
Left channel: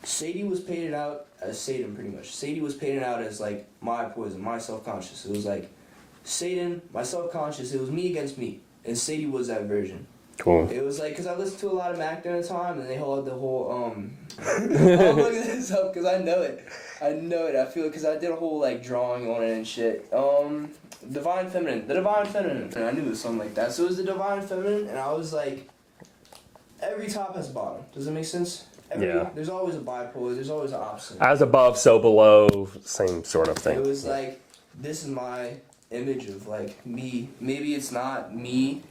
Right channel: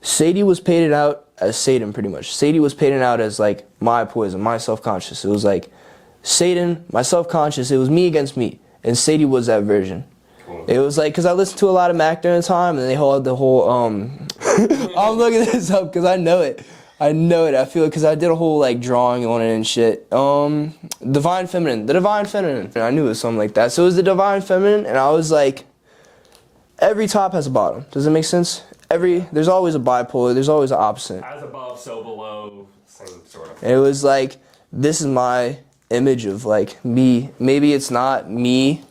Sadie was painted out as Satan pretty much. Sadie was painted out as like my poison, my self-conscious. It was like Satan, my self-conscious, it was me against me. And Sadie was that version. Cool. It was like, because I listened to a lot of Mac during the time, and they had the whole, I'm looking this up because I know it. I know it. I feel it because I did a whole like drawing on it and shit. Divine Feminine. The Divine Feminine. And I knew it was something like that. So it was the Divine Feminine, and I was like, every top has a bottom. Does it make sense? There's always a bipolar. There's always an opposite. As above, so below. Same sort of thing. And it was like, this is my image of like me. Maybe it's not me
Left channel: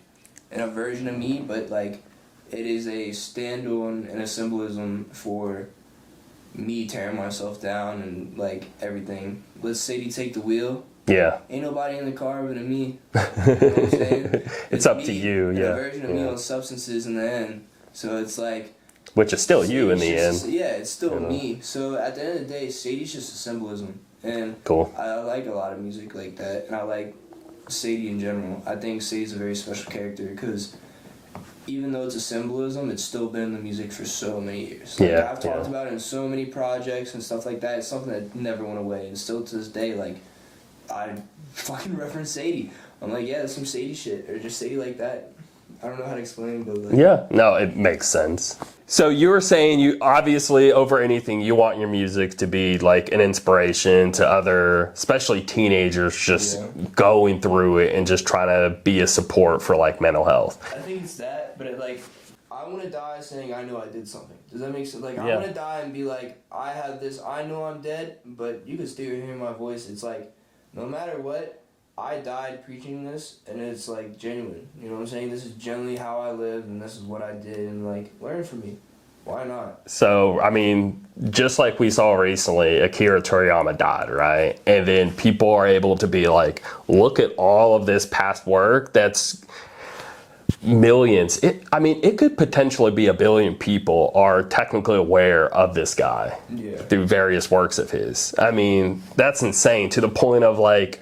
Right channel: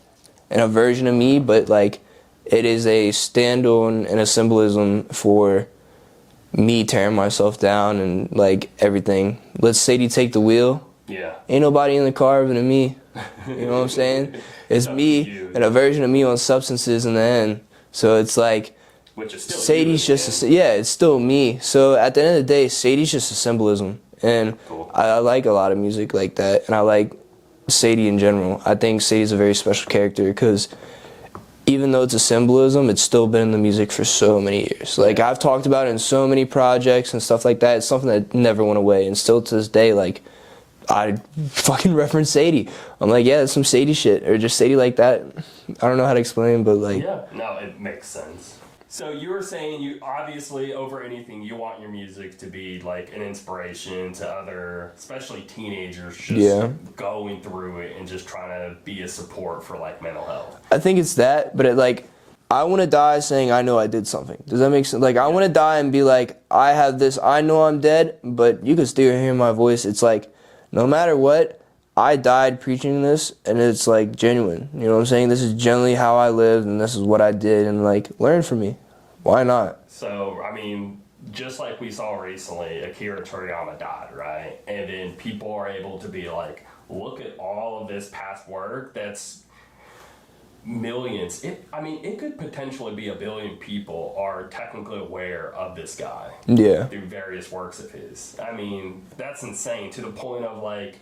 and a version of me, but like it is a stand-on and a symbolism for me tearing myself down and like everything. Let Sadie take the wheel. Yeah. Ain't nobody in the car other than me. You know what I'm saying? It's up me to you, and a version of me on substances in the end. So it's like, which is still Sadie's you in the end. yeah, it's still me. So at the end of the day, Sadie's just a symbolism. And cool. I like a lot of music like that. And I like Sadie in general. I think Sadie's a very special character because even though it's a symbolism, it's still been in the music for so many years. Like I've talked about it in so many projects and stuff like that. It's something that never went away. And still to this day, like, I fucking reference Sadie. I'm like, yeah, that's some Sadie shit. Or just Sadie like that. I don't know how to explain, but like... Yeah, no, it makes sense. So you were saying you obviously, over anything, you want your music to be like an inspiration to other, especially teenagers, just going through it and just trying to be a support for like mental health. I think it's that, but it like, I want to die saying I know I did something. Does that make sense? Like, I want to die and be like, I have this, I know I'm dead, but you can still hear my voice. It's like, no matter what, I died preaching this, and it's like genuine. You know what I'm saying? This is generally how I lived, and this is what I did, and like, learn from me. Why not? So, I mean, just like we saw recently, Akira Toriyama died, right? And then people are able to be like, look at all of this past work that's millions. It could potentially be 1 billion people are technically aware of this guy through various works of his. I mean, that's insane to the point of like,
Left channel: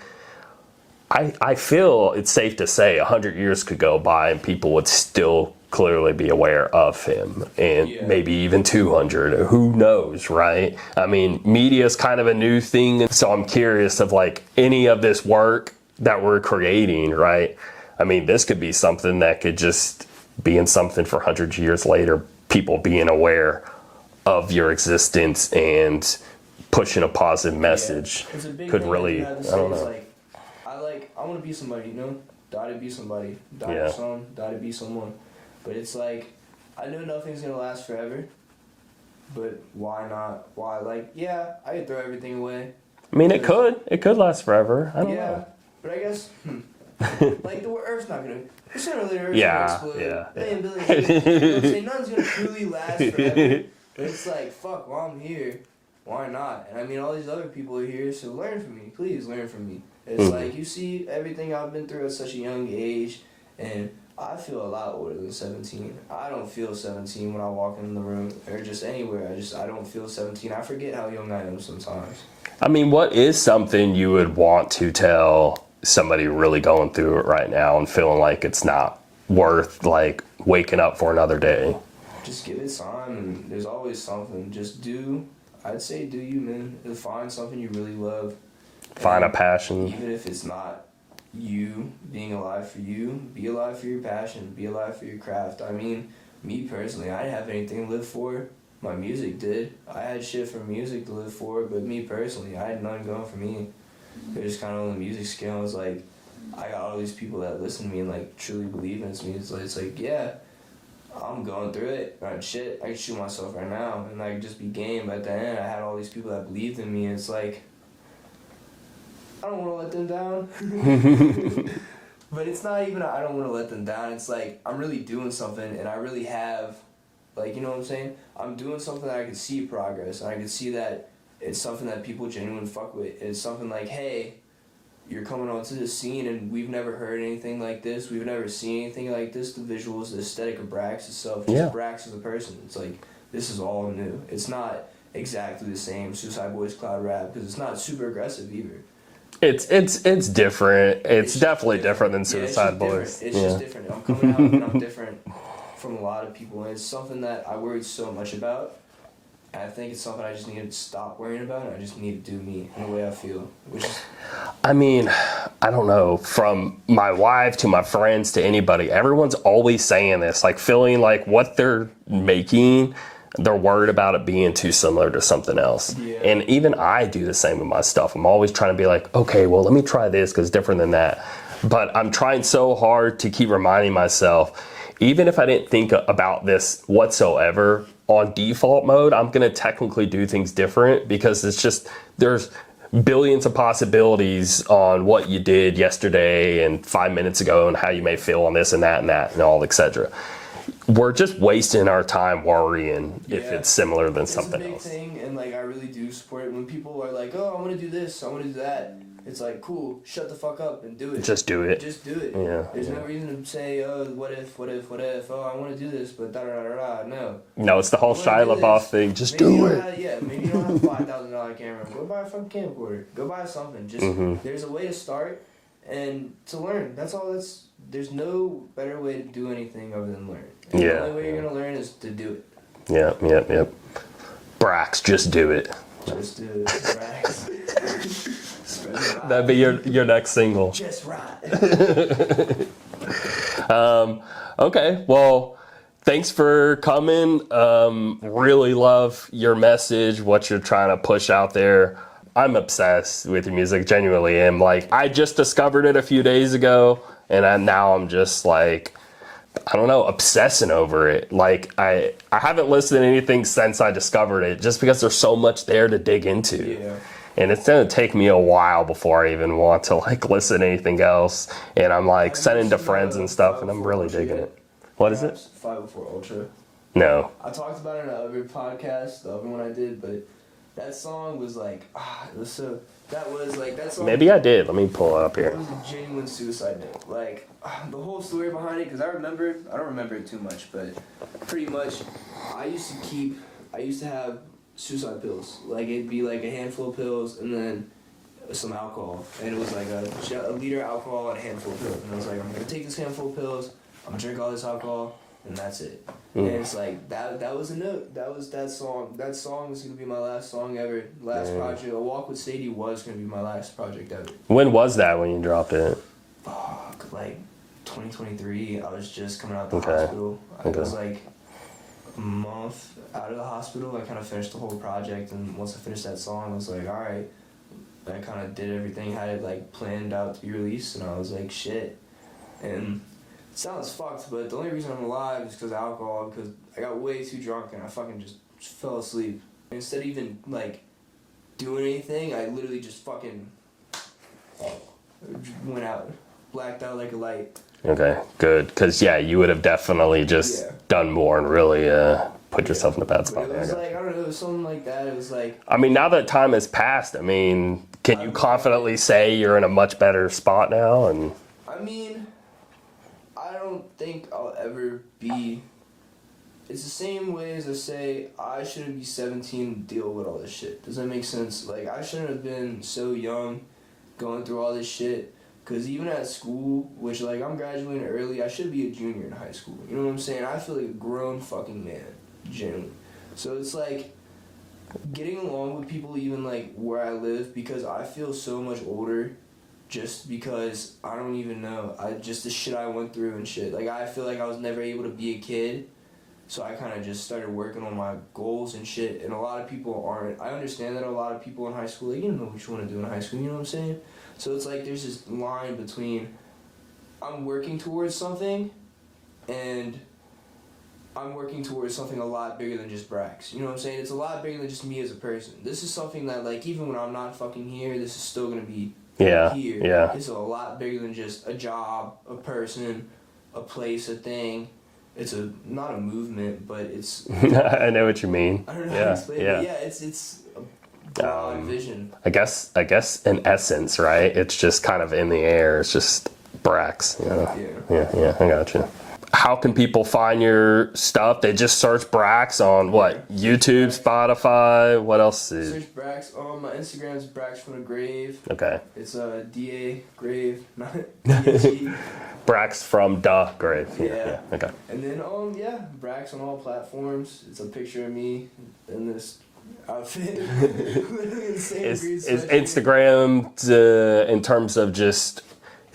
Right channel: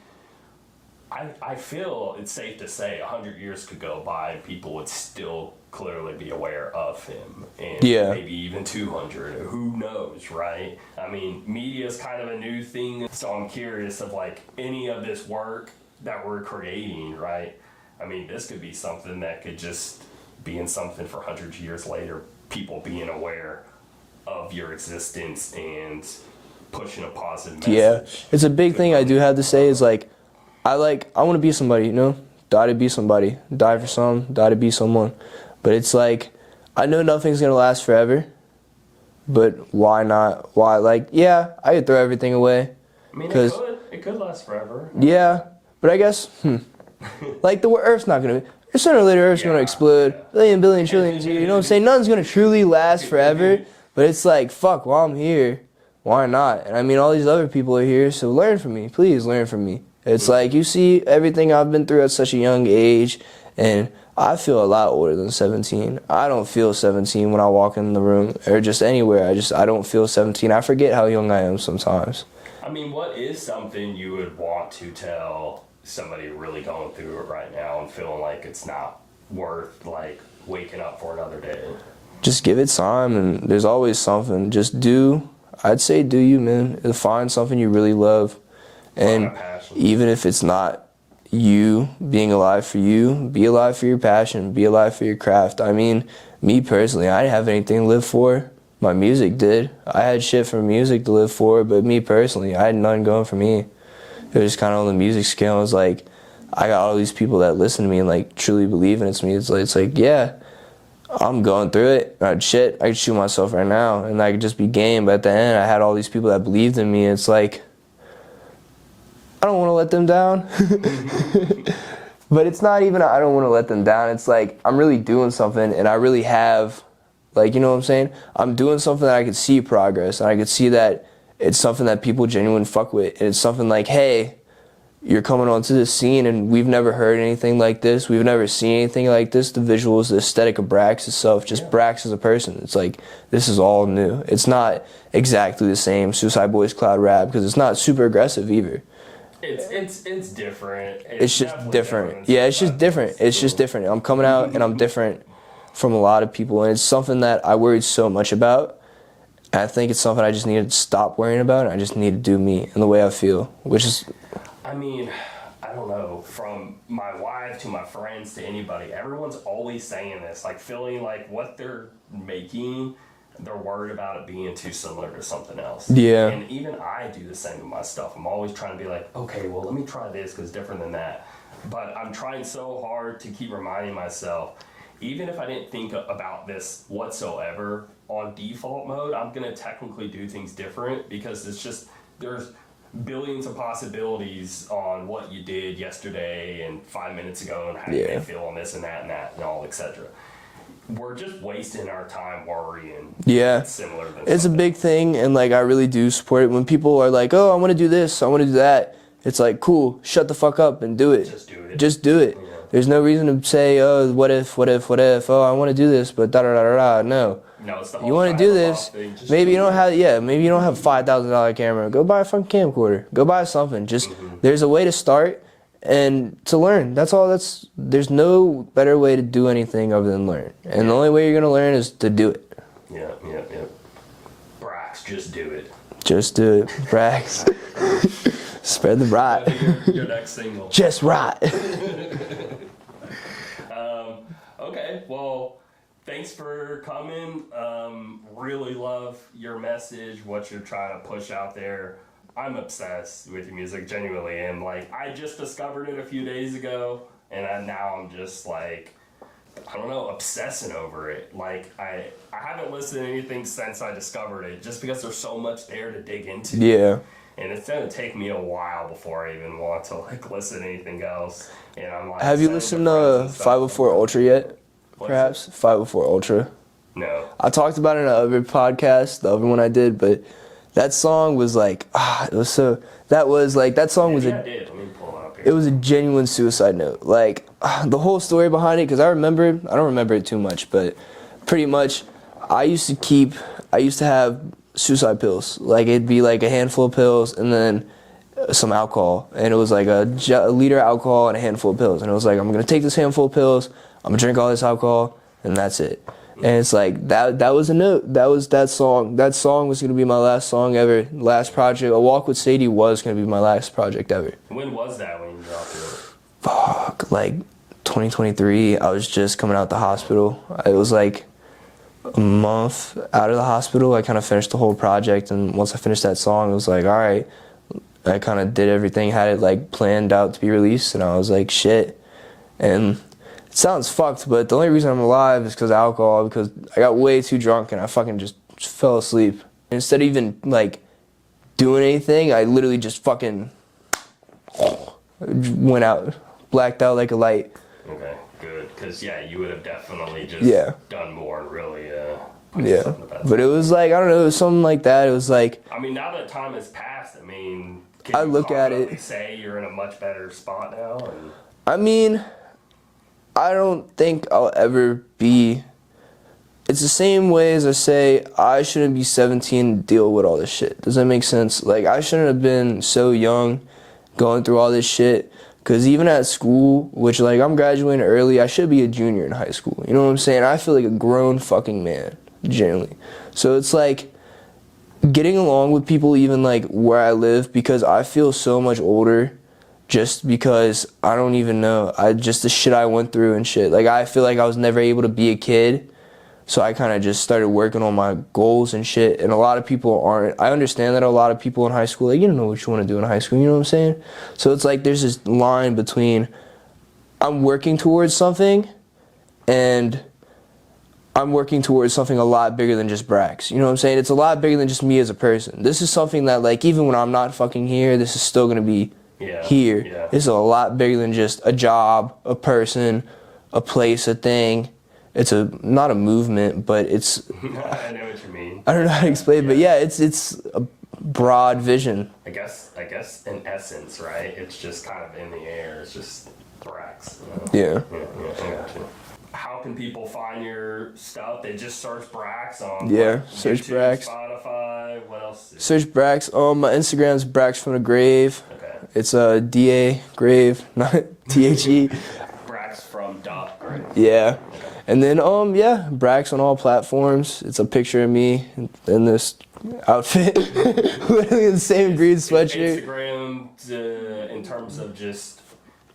I feel it's safe to say 100 years could go by and people would still clearly be aware of him, and maybe even 200, who knows, right? I mean, media is kind of a new thing, so I'm curious of like any of this work that we're creating, right? I mean, this could be something that could just be in something for hundreds of years later, people being aware of your existence and pushing a positive message. It's a big thing really, I do have to say is like, I want to be somebody, you know? Die to be somebody. Die for some, die to be someone. But it's like, I know nothing's going to last forever, but why not? Why? Like, yeah, I could throw everything away. I mean, it could last forever. But I guess, like the Earth's not going to, sooner or later Earth's going to explode. Billion, trillions, you know what I'm saying? Nothing's going to truly last forever, but it's like, fuck, while I'm here, why not? And I mean, all these other people are here, so learn from me. Please learn from me. It's like, you see everything I've been through at such a young age, and I feel a lot older than 17. I don't feel 17 when I walk in the room or just anywhere. I don't feel 17. I forget how young I am sometimes. I mean, what is something you would want to tell somebody really going through it right now and feeling like it's not worth like waking up for another day? Just give it time, and there's always something. I'd say do you, man. Find something you really love. Find a passion. Even if it's not you being alive for you, be alive for your passion, be alive for your craft. I mean, me personally, I didn't have anything to live for. My music did. I had shit for music to live for, but me personally, I had nothing going for me. It was just kind of on the music scale. It was like, I got all these people that listen to me and like truly believe in it to me. It's like, yeah, I'm going through it. I could shoot myself right now and I could just be game. But at the end, I had all these people that believed in me. It's like, I don't want to let them down. But it's not even I don't want to let them down. It's like I'm really doing something and I really have, like, you know what I'm saying? I'm doing something that I could see progress and I could see that it's something that people genuinely fuck with. And it's something like, hey, you're coming onto this scene and we've never heard anything like this. We've never seen anything like this. The visuals, the aesthetic of Brax itself, just Brax as a person. It's like, this is all new. It's not exactly the same Suicide Boys Cloud Rap because it's not super aggressive either. It's different. It's definitely different than Suicide Boys. It's just different. It's just different. I'm coming out and I'm different from a lot of people, and it's something that I worried so much about. And I think it's something I just need to stop worrying about, and I just need to do me and the way I feel, which is... I mean, I don't know, from my wife to my friends to anybody, everyone's always saying this, like feeling like what they're making they're worried about it being too similar to something else. Yeah. And even I do the same with my stuff. I'm always trying to be like, okay, well, let me try this because it's different than that. But I'm trying so hard to keep reminding myself, even if I didn't think about this whatsoever, on default mode, I'm going to technically do things different because it's just, there's billions of possibilities on what you did yesterday and 5 minutes ago and how you may feel on this and that and all, etc. We're just wasting our time worrying if it's similar than something It's a big else. thing, and like I really do support it. When people are like, oh, I want to do this, I want to do that, it's like, cool, shut the fuck up and do it. Just do it. Just do it. Yeah. There's no reason to say, oh, what if, oh, I want to do this, but da-da-da-da-da. No. No, it's the whole You Shia want to do LaBeouf this, thing. Just maybe do you don't it. have, maybe you don't have a $5,000 camera. Go buy a fucking camcorder. Go buy something. Just, there's a way to start and to learn. That's all. There's no better way to do anything other than learn. And the only way you're going to learn is to do it. Yeah. Brax, just do it. Just do it. Brax. Spread the rot. That'd be your next single. Just rot. Okay, well, thanks for coming. Really love your message, what you're trying to push out there. I'm obsessed with your music, genuinely am. Like, I just discovered it a few days ago, and now I'm just like, I don't know, obsessing over it. Like, I haven't listened to anything since I discovered it, just because there's so much there to dig into. Yeah. And it's gonna take me a while before I even want to like listen to anything else. And I'm like sending to friends and stuff. 504 Ultra yet? What is Perhaps? it? 504 Ultra. No. I talked about it in another podcast, the other one I did, but that song was like, it was so, that song Maybe was, I did. Let me pull it up here. it was a genuine suicide note. Like, the whole story behind it, because I don't remember it too much, but pretty much, I used to have suicide pills. Like, it'd be like a handful of pills and then some alcohol. And it was like a liter of alcohol and a handful of pills. And it was like, I'm going to take this handful of pills, I'm going to drink all this alcohol, and that's it. And it's like, that was a note. That was that song. That song was going to be my last song ever. Last project. A Walk with Sadie was going to be my last project ever. When was that when you dropped it? Fuck, like 2023. I was just coming out the hospital. It was like a month out of the hospital. I kind of finished the whole project, and once I finished that song, it was like, all right. I kind of did everything, had it like planned out to be released, and I was like, shit. And it sounds fucked, but the only reason I'm alive is because of alcohol, because I got way too drunk and I fucking just fell asleep. Instead of even like doing anything, I literally just fucking went out, blacked out like a light. Okay, good. Because, you would have definitely just done more and really put yourself in a bad spot. But it was like, I don't know, it was something like that. It was like... I mean, now that time has passed, I mean, can you confidently say you're in a much better spot now? And I mean, I don't think I'll ever be... It's the same way as I say, I shouldn't be 17 to deal with all this shit. Does that make sense? Like, I shouldn't have been so young going through all this shit. Because even at school, which, like, I'm graduating early, I should be a junior in high school. You know what I'm saying? I feel like a grown fucking man, generally. So it's like getting along with people even, like, where I live, because I feel so much older just because I don't even know. Just the shit I went through and shit. Like, I feel like I was never able to be a kid. So I kind of just started working on my goals and shit. And a lot of people aren't. I understand that a lot of people in high school, like, you don't know what you want to do in high school. You know what I'm saying? So it's like there's this line between I'm working towards something and I'm working towards something a lot bigger than just Brax. You know what I'm saying? It's a lot bigger than just me as a person. This is something that, like, even when I'm not fucking here, this is still going to be here. Yeah. This is a lot bigger than just a job, a person, a place, a thing. It's not a movement, but it's... I know what you mean. I don't know how to explain it, but it's a broad vision. I guess in essence, right? It's just kind of in the air. It's just Brax, you know? Yeah, I got you. How can people find your stuff? They just search Brax on what? YouTube, Brax. Spotify, what else? Search Brax. My Instagram's Brax from the Grave. Okay. It's D-A, Grave, not T-H-E. Brax from the Grave. Yeah. Okay. And then, Brax on all platforms. It's a picture of me in this outfit. Literally in the same green sweatshirt. Is Instagram, in terms of just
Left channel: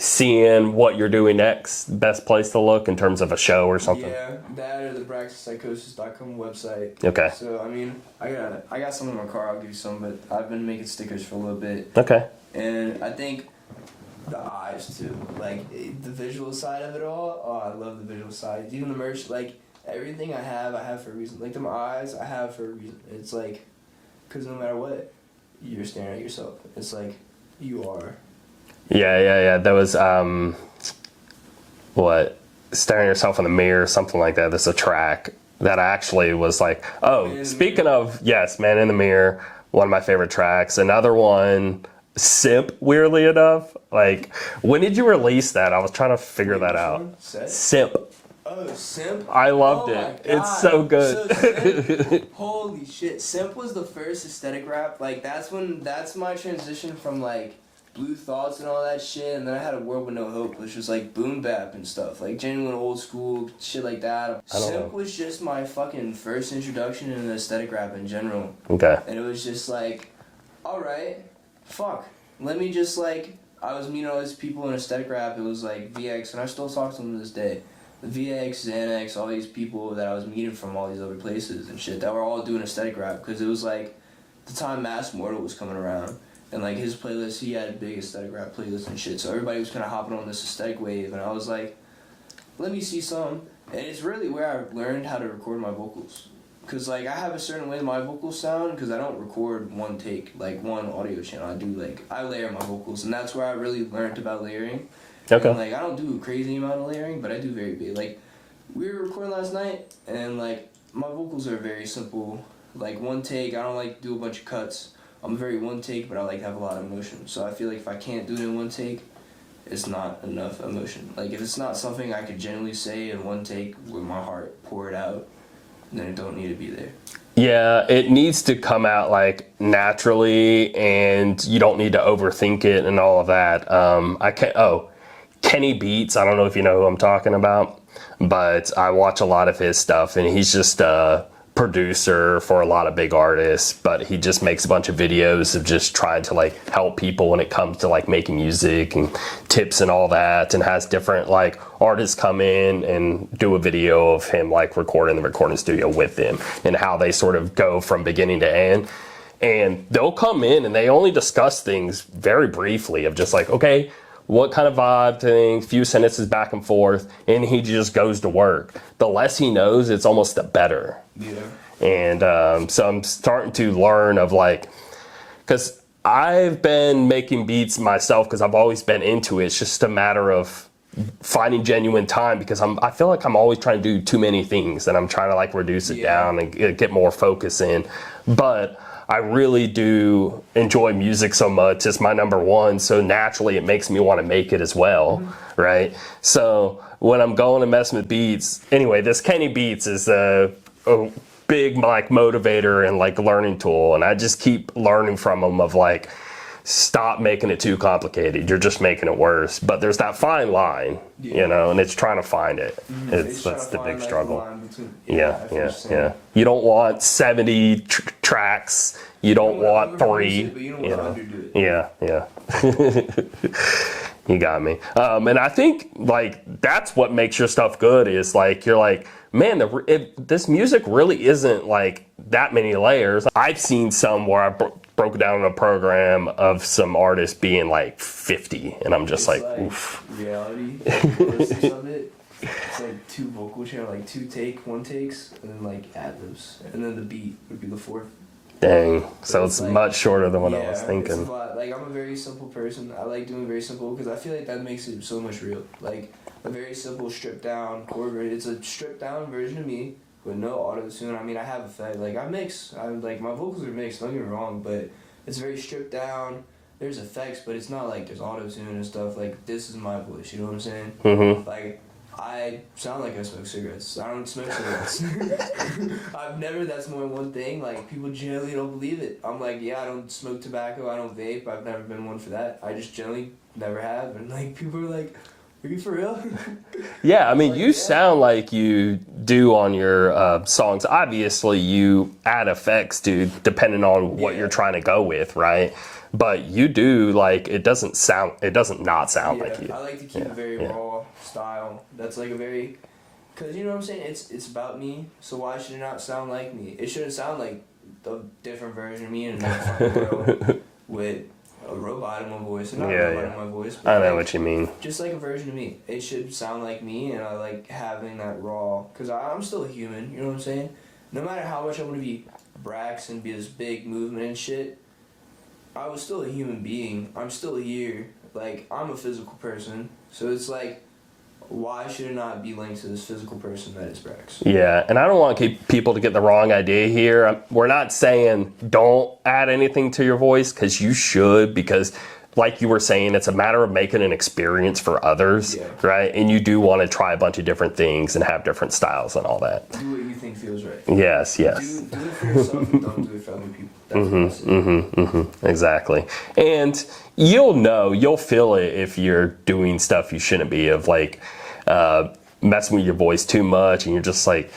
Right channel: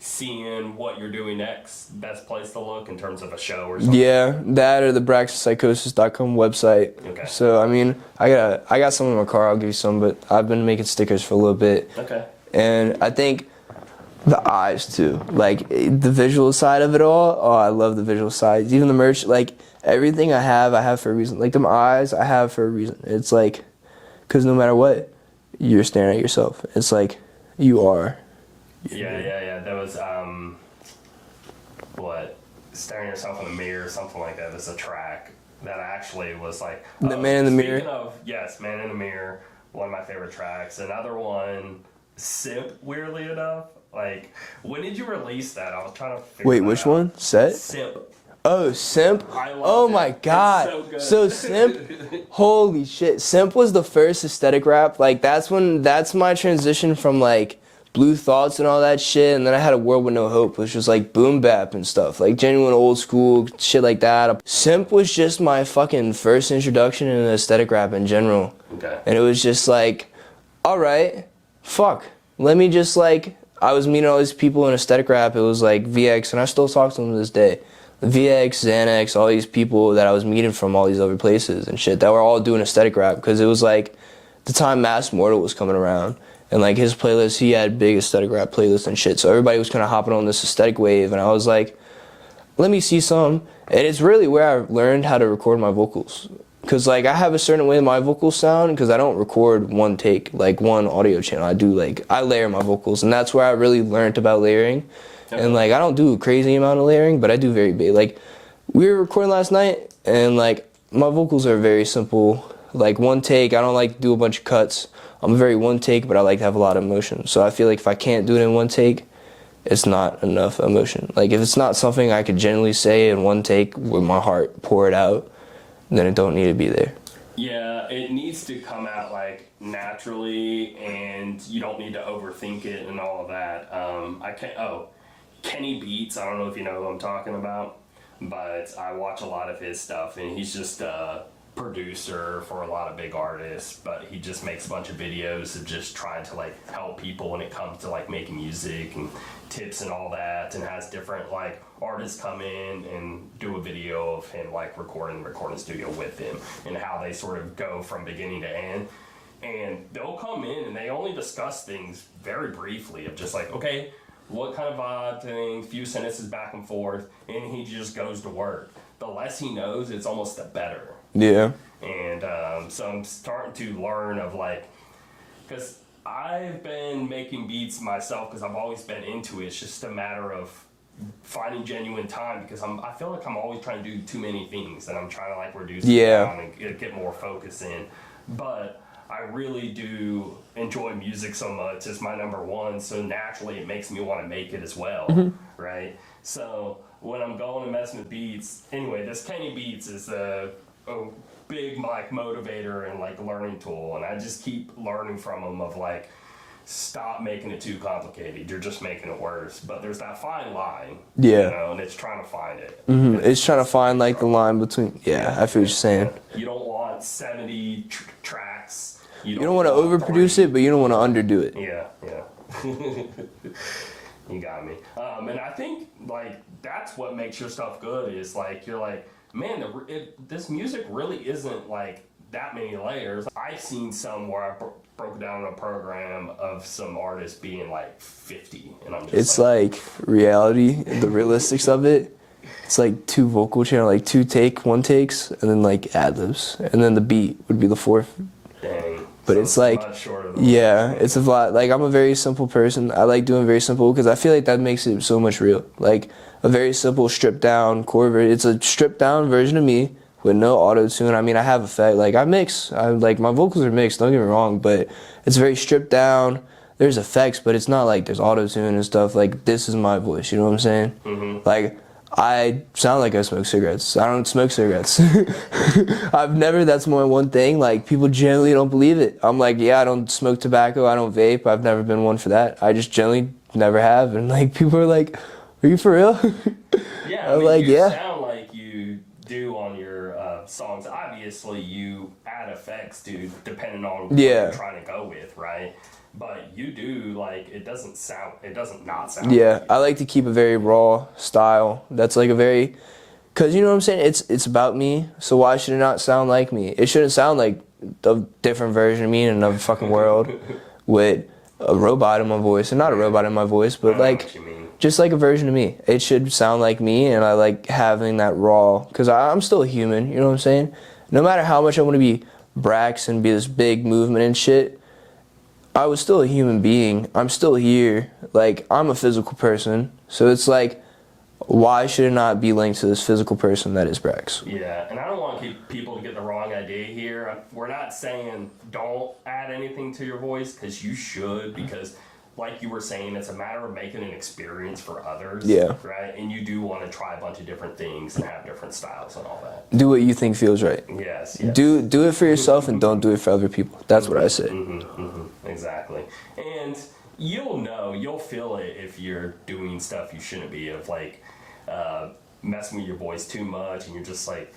seeing what you're doing next, best place to look in terms of a show or something? Yeah, that or the braxpsychosis.com website. Okay. So I mean, I got some in my car. I'll give you some, but I've been making stickers for a little bit. Okay. And I think the eyes too, like the visual side of it all. Oh, I love the visual side. Even the merch, like everything I have for a reason. Like them eyes, I have for a reason. It's like, because no matter what, you're staring at yourself. It's like you are. Yeah. There was staring at yourself in the mirror, something like that. There's a track that actually was like, speaking of, yes, Man in the Mirror, one of my favorite tracks. Another one, Simp, weirdly enough. Like, when did you release that? I was trying to figure that out. Wait, which one? Set? Simp. Oh, Simp? I loved it. Oh my god. It's so good. So Simp, holy shit. Simp was the first aesthetic rap. Like that's my transition from like Blue Thoughts and all that shit, and then I had A World With No Hope, which was like boom bap and stuff, like genuine old school shit like that. Simp was just my fucking first introduction into aesthetic rap in general. Okay. And it was just like, alright, fuck. Let me just like, I was meeting all these people in aesthetic rap. It was like VX, and I still talk to them to this day. VX, Xanax, all these people that I was meeting from all these other places and shit that were all doing aesthetic rap, because it was like the time Mass Mortal was coming around, and like his playlist, he had big aesthetic rap playlists and shit, so everybody was kind of hopping on this aesthetic wave, and I was like, let me see some. And it's really where I learned how to record my vocals, because like I have a certain way my vocals sound, because I don't record one take, like one audio channel. I layer my vocals, and that's where I really learned about layering. Okay. And like I don't do a crazy amount of layering, but I do very big. Like we were recording last night, and like my vocals are very simple, like one take. I don't like to do a bunch of cuts. I'm very one take, but I like to have a lot of emotion. So I feel like if I can't do it in one take, it's not enough emotion. Like if it's not something I could genuinely say in one take with my heart, pour it out, then it don't need to be there. Yeah, it needs to come out like naturally, and you don't need to overthink it and all of that. Kenny Beats, I don't know if you know who I'm talking about, but I watch a lot of his stuff, and he's just a producer for a lot of big artists, but he just makes a bunch of videos of just trying to like help people when it comes to like making music and tips and all that, and has different like artists come in and do a video of him like recording the recording studio with them, and how they sort of go from beginning to end. And they'll come in and they only discuss things very briefly of just like, okay, what kind of vibe thing, few sentences back and forth, and he just goes to work. The less he knows, it's almost the better. Yeah. And so I'm starting to learn of like, because I've been making beats myself because I've always been into it. It's just a matter of finding genuine time, because I feel like I'm always trying to do too many things, and I'm trying to like reduce it down and get more focus in. But I really do enjoy music so much. It's my number one, so naturally it makes me want to make it as well, right? So when I'm going and messing with beats, anyway, this Kenny Beats is a big like motivator and like learning tool, and I just keep learning from him of like, stop making it too complicated. You're just making it worse. But there's that fine line, you know, and it's trying to find it. It's trying to find like the line between. I feel what you're saying. Yeah. You don't want 70 tracks. You don't want to overproduce it, but you don't want to underdo it. Yeah. You got me. And I think like that's what makes your stuff good, is like you're like, man, this music really isn't like that many layers. I've seen some where I broke down in a program of some artists being like 50, and I'm just like reality, the realistics of it. It's like two vocal channel, like one takes, and then like ad-libs, and then the beat would be the fourth. Dang. But so it's like, much shorter than what I was thinking. It's a lot. Like I'm a very simple person. I like doing very simple because I feel like that makes it so much real. Like a very simple stripped down chord. It's a stripped down version of me with no auto tune. I mean, I have effect. Like I mix. Like my vocals are mixed. Don't get me wrong, but it's very stripped down. There's effects, but it's not like there's auto tune and stuff. Like this is my voice. You know what I'm saying? Mm-hmm. Like I sound like I smoke cigarettes. I don't smoke cigarettes. That's my one thing. Like people generally don't believe it. I'm like, yeah, I don't smoke tobacco. I don't vape. I've never been one for that. I just generally never have. And like people are like, are you for real? Yeah, I mean, like, you sound like you do on your songs. Obviously, you add effects to depending on what you're trying to go with, right? but you do, like, it doesn't not sound like you. I like to keep a very raw style. That's like a very, because you know what I'm saying? It's about me, so why should it not sound like me? It shouldn't sound like a different version of me in another fucking world with a robot in my voice, and not a robot in my voice, but I like know what you mean. Just like a version of me. It should sound like me, and I like having that raw, because I'm still a human, you know what I'm saying? No matter how much I want to be Brax and be this big movement and shit, I was still a human being. I'm still here. Like, I'm a physical person, so it's like, why should it not be linked to this physical person that is Brax? Yeah, and I don't want people to get the wrong idea here. We're not saying don't add anything to your voice, because you should, because like you were saying, it's a matter of making an experience for others, right? And you do want to try a bunch of different things and have different styles and all that. Do what you think feels right. Yes. Do it for yourself and don't do it for other people. That's what I say. Exactly. And you'll feel it if you're doing stuff you shouldn't be, of like messing with your voice too much, and you're just like,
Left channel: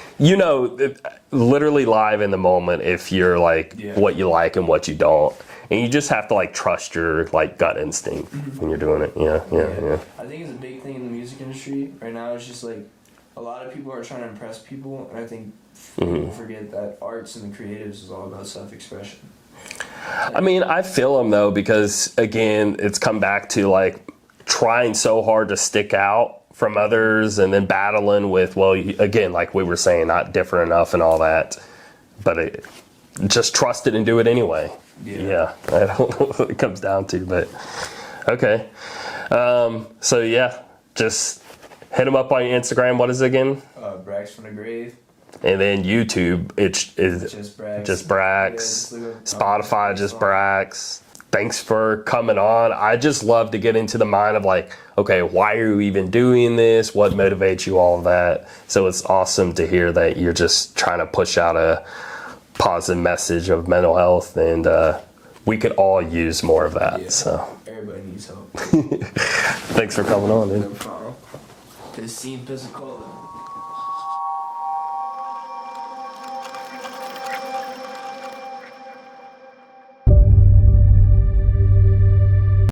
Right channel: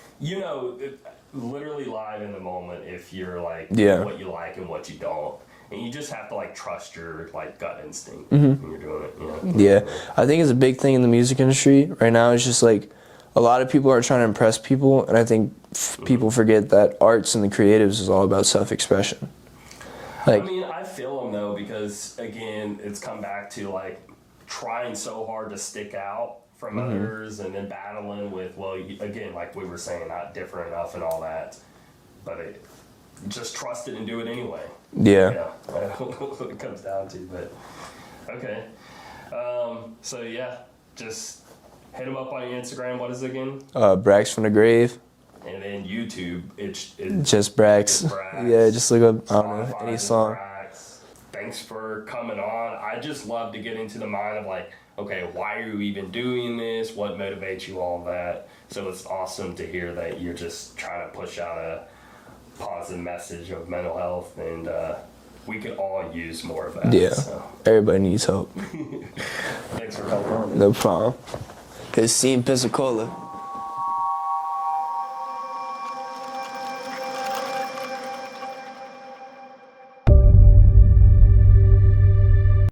literally live in the moment if you're like what you like and what you don't. And you just have to like trust your like gut instinct when you're doing it. Yeah. I think it's a big thing in the music industry right now. It's just like a lot of people are trying to impress people, and I think people forget that arts and the creatives is all about self-expression. Like, I mean, I feel them though, because again, it's come back to like trying so hard to stick out from others, and then battling with, again, like we were saying, not different enough and all that, but just trust it and do it anyway. Yeah. I don't know what it comes down to, but okay. So yeah, just hit them up on your Instagram. What is it again? Brax from the Grave. And then YouTube, it's just Brax. Just Brax. Yeah, just look up Spotify, just Brax. Thanks for coming on. I just love to get into the mind of like, okay, why are you even doing this? What motivates you, all of that. So it's awesome to hear that you're just trying to push out a positive message of mental health, and we could all use more of that. Yeah, so everybody needs hope. Thanks for coming on, dude. No problem. It's seen Pensacola.